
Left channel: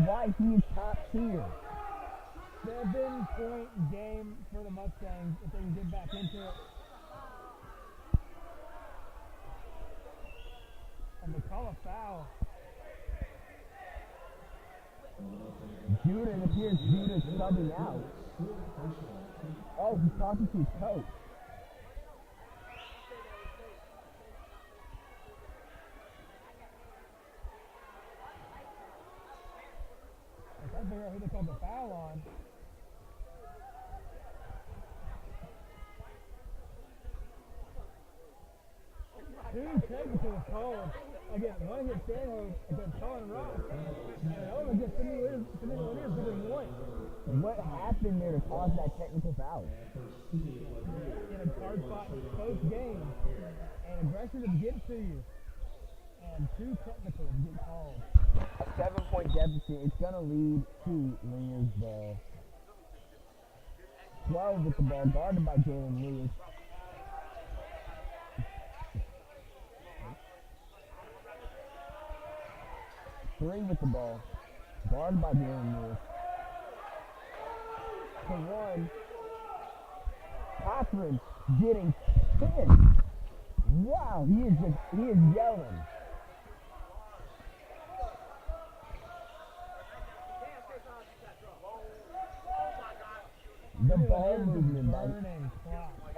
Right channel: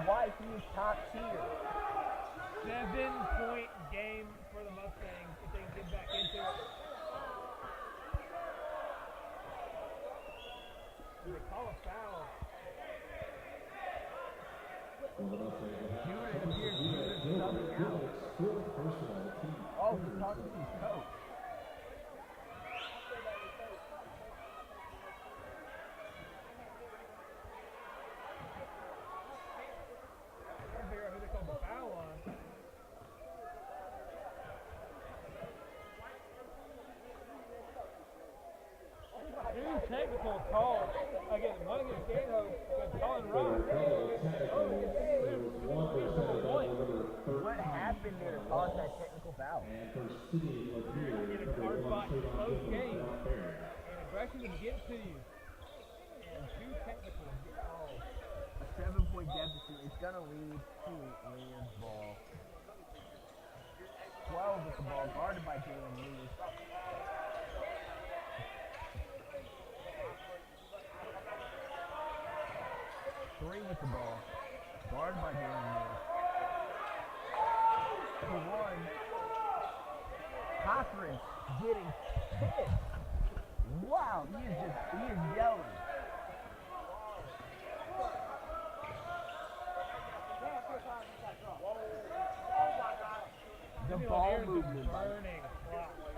why he is top tier. 7-point game for the Mustangs if they can get back into it. And they call a foul. Judah, it appears Judah's subbing out. Oh, he's talking to his coach. I can't figure out who they called the foul on. Two technical calls. Again, one against Stanhope, against Colin Ross. Another against Sidney Lanier for a point. What happened there to cause that technical foul? In a hard spot close game. And aggression to get to you. And two technicals get called. A 7-point deficit. It's going to lead to Lanier's ball. 12 with the ball, guarded by Jalen Lewis. Three with the ball, guarded by Jalen Lewis. To one. Cochran getting pissed. Wow, he is yelling. The ball movement by,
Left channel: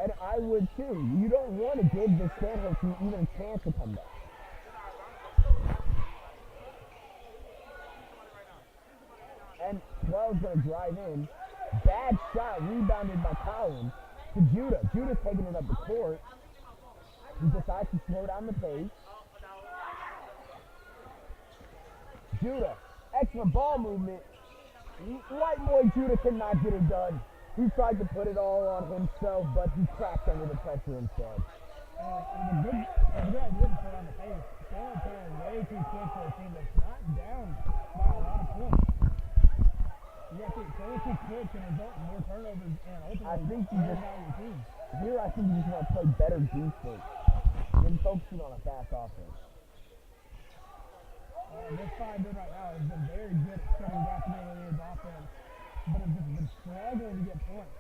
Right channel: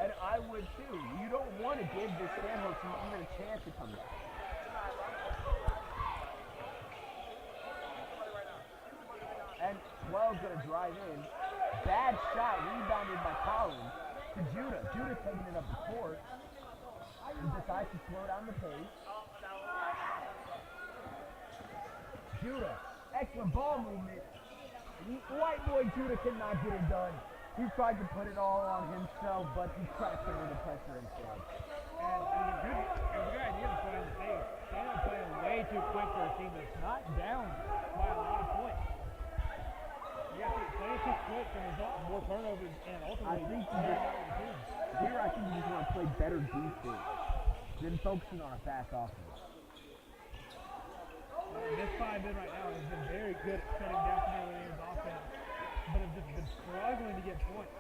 and I would too. You don't want to give this Stanhope team even a chance to come back. And 12's going to drive in. Bad shot, rebounded by Collins to Judah. Judah taking it up the court. He decides to slow down the pace. Judah, excellent ball movement. White boy Judah cannot get it done. He tried to put it all on himself, but he crashed under the pressure instead. And a good idea to play on the pace. Stanhope playing way too quick for a team that's not down by a lot of points. You have to play too quick to result in more turnovers and ultimately I think you just want to play better defense than focusing on a fast offense. This 5 in right now has been very good at shutting down Canadian offense, but have just been struggling to get points.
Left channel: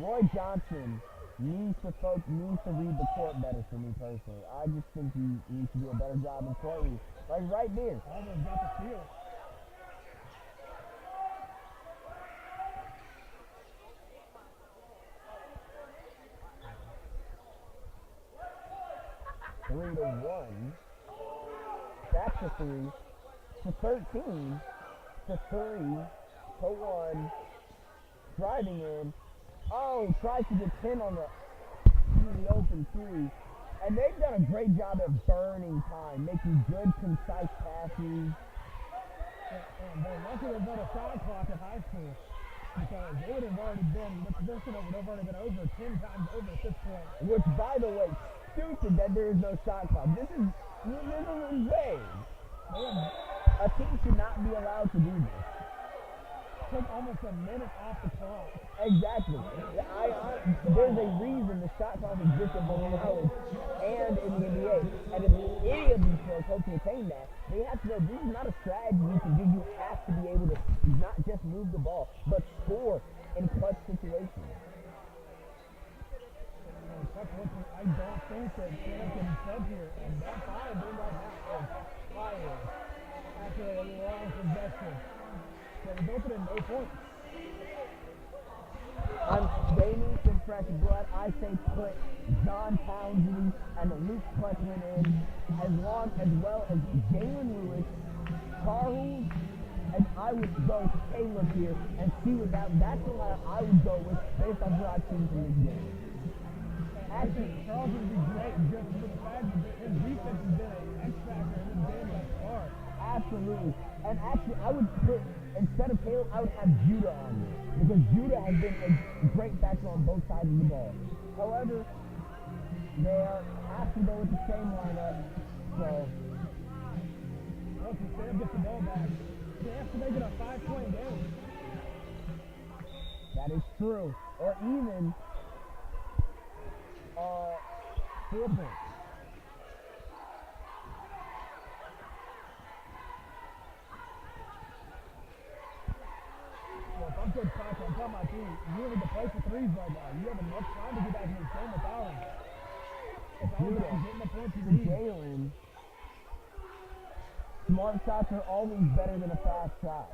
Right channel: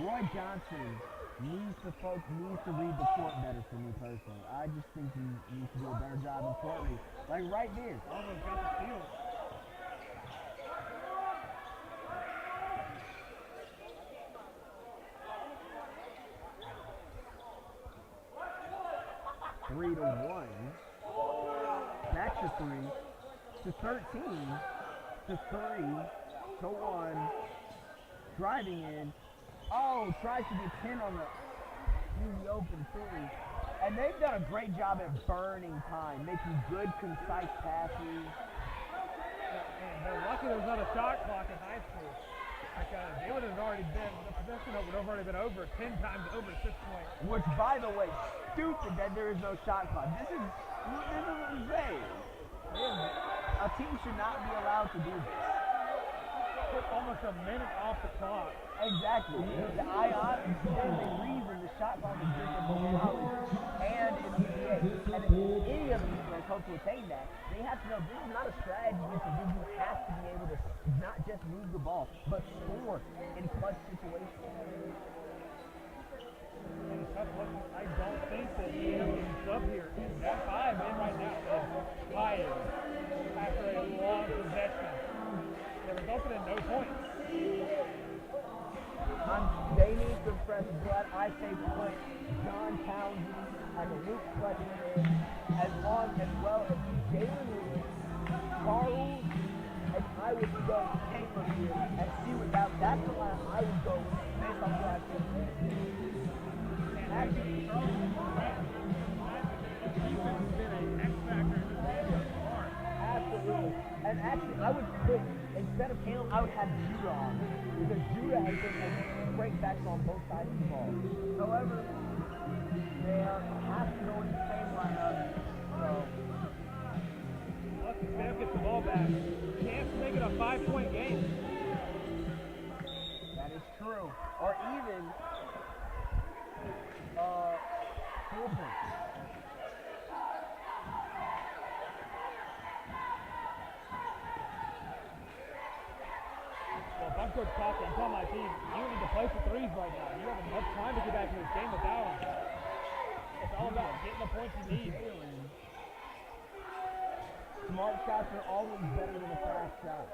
Roy Johnson needs to read the court better for me personally. I just think he needs to do a better job in court read. Like right there. Almost got the steal. Three to 1. That's a 3 to 13 to 3 to 1. Driving in. Oh, tries to get 10 on the easy open 3. And they've done a great job at burning time, making good, concise passes. And they're lucky there's not a shot clock in high school, because they would have already been, the possession would have already been over 10 times over at this point. Which, by the way, stupid that there is no shot clock. This is insane. A team should not be allowed to do this. Took almost a minute off the clock. Exactly. There's a reason the shot clock exists in both college and in the NBA. And if any of these players hope to attain that, they have to know this is not a strategy you can do. You have to be able to not just move the ball, but score in clutch situations. I don't think that they have any sub here. And that 5 in right now is flying after a long possession. They resulted in no points. They need some fresh blood. I say put John Townsley and the Luke Fletchman in, as well as Jalen Lewis, Carl, and I would go Caleb here and see what that's the line I would go with based on what I've seen from this game. Actually, Charles would be great. Just imagine his defense has been an X factor in this game thus far. Absolutely. And actually, I would put, instead of Caleb, I would have Judah on there. Because Judah has been a great factor on both sides of the ball. However, they have to go with the same lineup. So, look, if Sam gets the ball back, chance to make it a 5-point game. That is true. Or even 4 points. If I'm Coach Sasha, I'm telling my team, you need to play for threes right now. You have enough time to get back to this game without them. It's all about getting the points you need. Jalen. Smart shots are always better than a fast shot.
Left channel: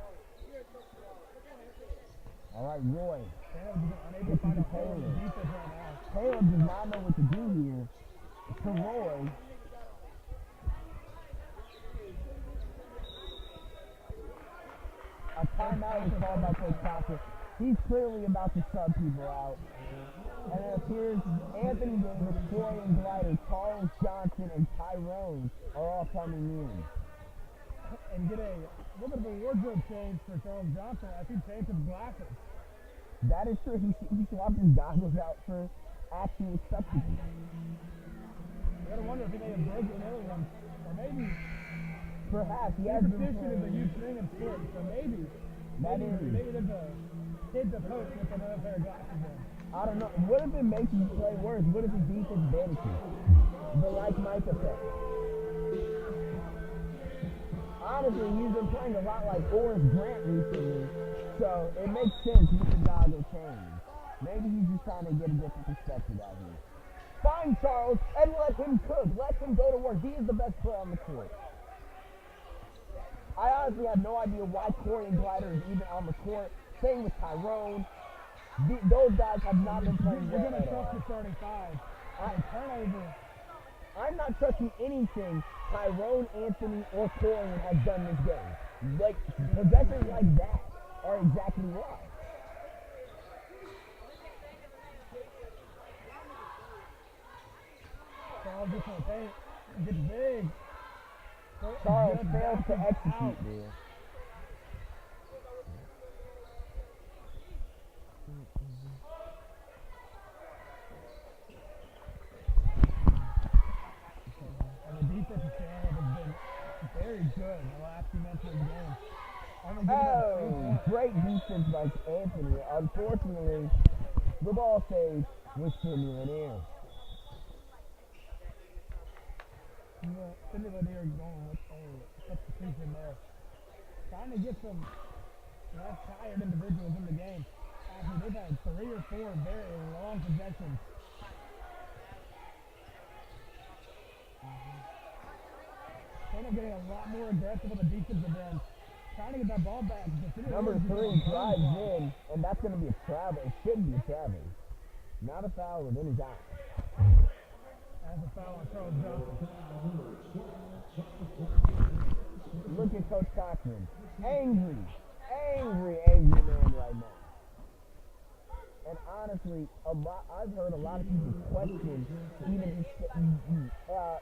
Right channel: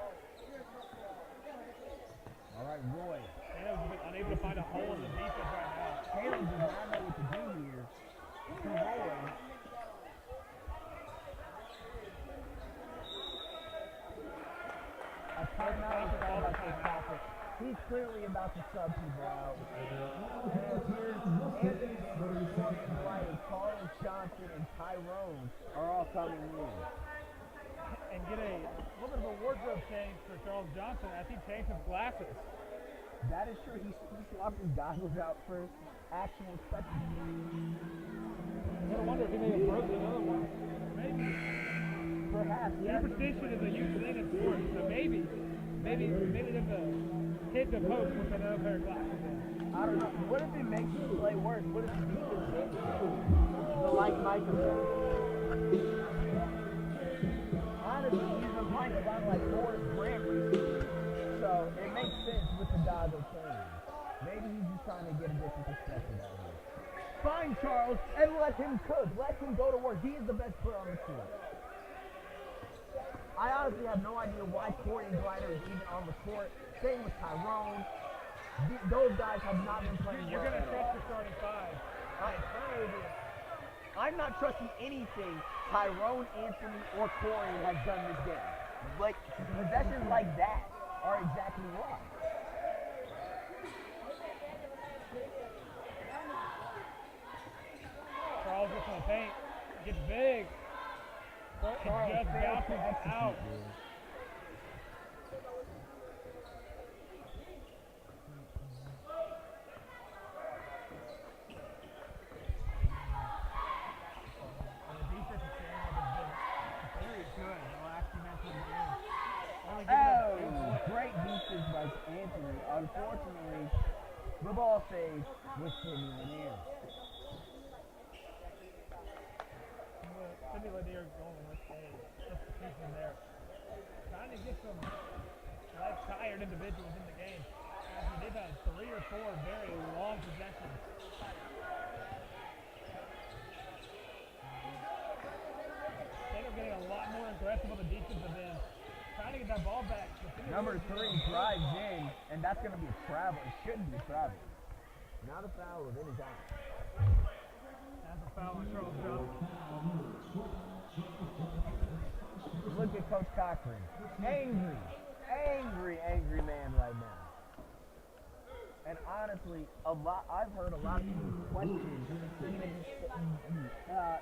All right, Roy. Caleb's been unable to find a hole in the defense right now. Caleb does not know what to do here. To Roy. A timeout is called by Coach Patrick. He's clearly about to sub people out. And it appears Anthony Davis, Florian Glider, Charles Johnson, and Tyrone are all coming in. And get a little bit of a wardrobe change for Charles Johnson as he changed his glasses. That is true. He swapped his goggles out for actual spectacles. I wonder if he may have broken another one. Or maybe. Perhaps. Superstition is a huge thing in sports, so maybe there's a hint of hope with another pair of glasses now. I don't know. What if it makes you play worse? What if his defense vanishes? The like Mike effect. Honestly, he's been playing a lot like Forrest Grant recently, so it makes sense with the goggle change. Maybe he's just trying to get a different perspective out here. Find Charles and let him cook. Let him go to work. He is the best player on the court. I honestly have no idea why Corey and Glider is even on the court. Same with Tyrone. Those guys have not been playing well. You're going to trust your starting 5. Turnover. I'm not trusting anything Tyrone, Anthony, or Corey has done this game. Like, possessions like that are exactly why. Charles gets on the paint. Gets big. Charles fails to execute there. And the defensive stand has been very good in the last few minutes of the game. Oh, great defense by Anthony. Unfortunately, the ball stays with Sidney Lanier. Sidney Lanier going with a substitution there. Trying to get some less tired individuals in the game. After they've had 3 or 4 very long possessions. Instead of getting a lot more aggressive on the defensive end, trying to get that ball back. Number 3 drives in, and that's going to be a travel. It should be a travel. Not a foul within his eye. That's a foul on Charles Johnson. Look at Coach Cochran. Angry man right now. And honestly, I've heard a lot of people question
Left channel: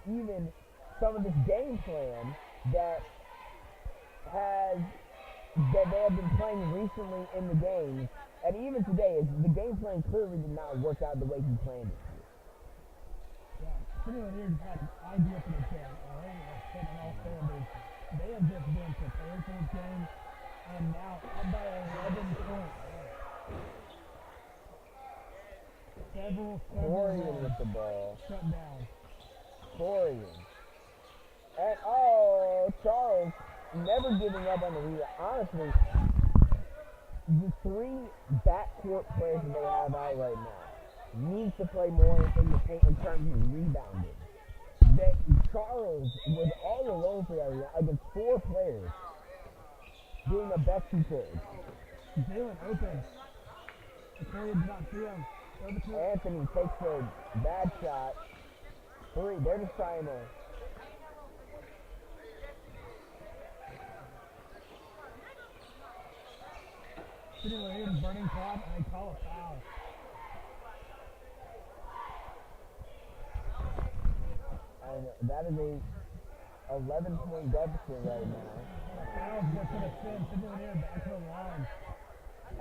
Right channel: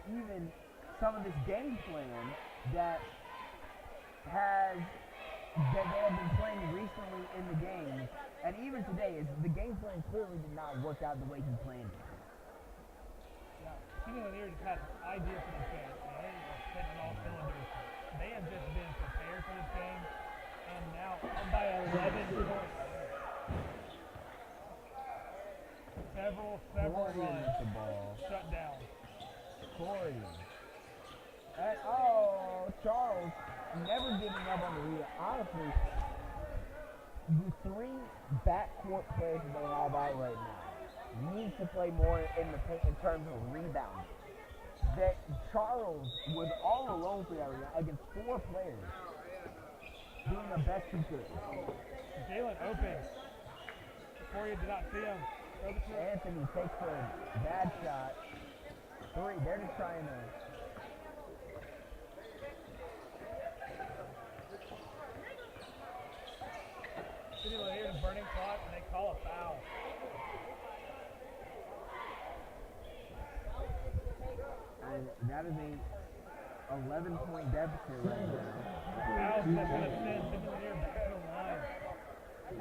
even some of this game plan that they have been playing recently in the games, and even today, the game plan clearly did not work out the way he planned it. Yeah, Sidney Lanier just had an idea for this game, and they are hitting all cylinders. They have just been prepared for this game, and now up by 11 points. Several Corian with the ball. Shut down. Corian. And Charles never giving up on the rebound. Honestly, the 3 backcourt players that they have out right now needs to play more in the paint in terms of rebounding. That Charles was all alone for that rebound against 4 players, doing the best he could. Jalen open. Corian did not see him. Anthony takes a bad shot. 3. They're just trying to. Sidney Lanier's burning top, and they call a foul. And that is a 11-point deficit right now. Foul's just going to send Sidney Lanier back to the line.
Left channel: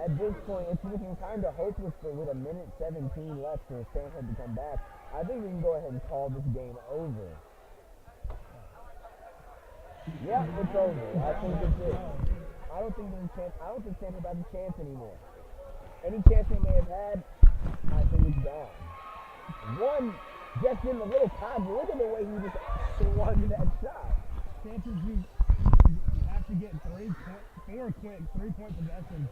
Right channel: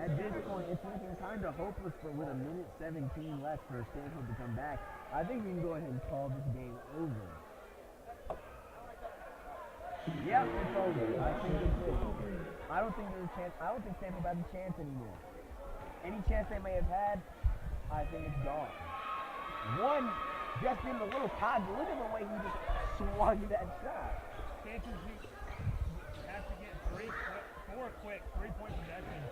At this point, it's looking kind of hopeless with a minute 17 left for Stanhope to come back. I think we can go ahead and call this game over. Yep, it's over. I think it's it. I don't think there's a chance. I don't think Stanhope has a chance anymore. Any chance they may have had, I think it's gone. One just in the little pod. Look at the way he just swung that shot. Chances you have to get 4 quick 3-point possessions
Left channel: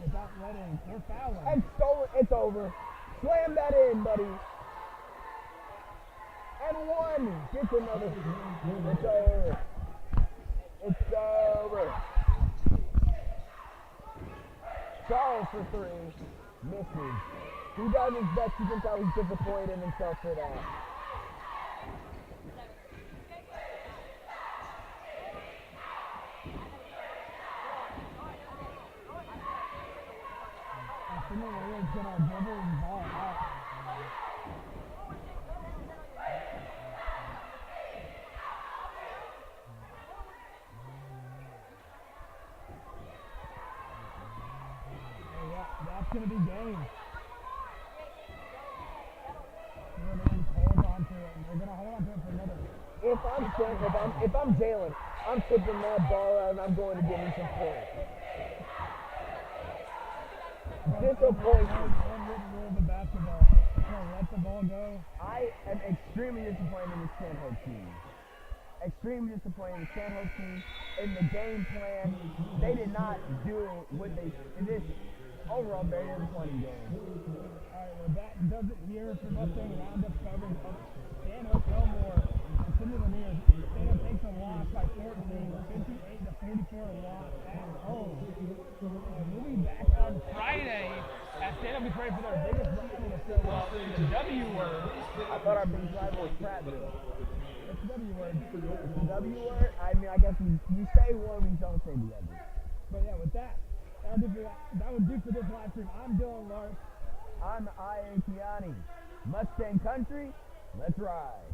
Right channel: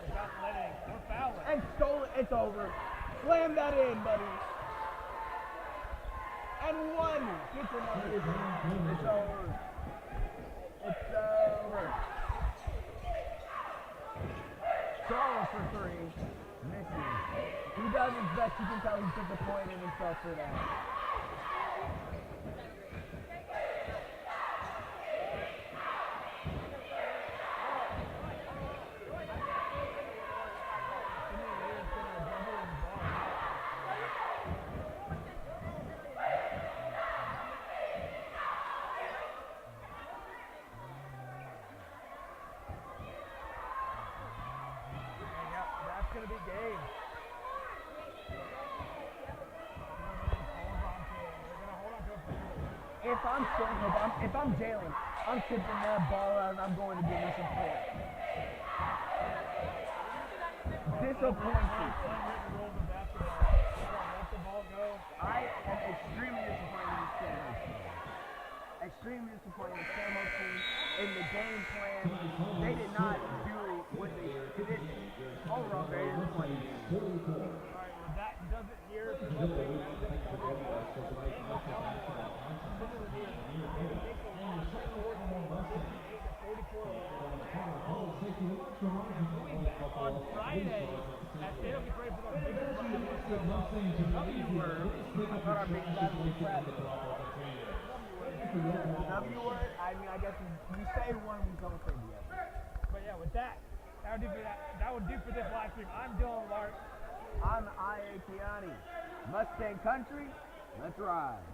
without letting or fouling. And stolen. It's over. Slam that in, buddy. And 1 gets another. It's over. It's over. Charles for 3. Misses. He does his best. You can tell he's disappointed in himself for that. That's going to be game. They're going to hold on to it for another. If I'm Jalen, I'm tipping that ball out and I'm going to give me some points. Disappointed. The basketball. Let the ball go. I am extremely disappointed in the Stanhope team. Extremely disappointed in the Stanhope team. In the game plan, they did not do what they did. Overall, very disappointing game. Alright, well that does it here for Mustang Roundup coverage of Stanhope Elmore. Sidney Lanier. They take the loss by 58-44 loss at home. And we'll be back on Friday as Stanhope gets ready for their biggest rivalry. So, the W word. I thought our big rival was Prattville. What's the W word? The W word? I mean, I guess we say one, we don't say the other. But yeah, with that, that will do for this live stream. I'm Dylan Larck. I'm Kioni. Mustang Country, let's ride.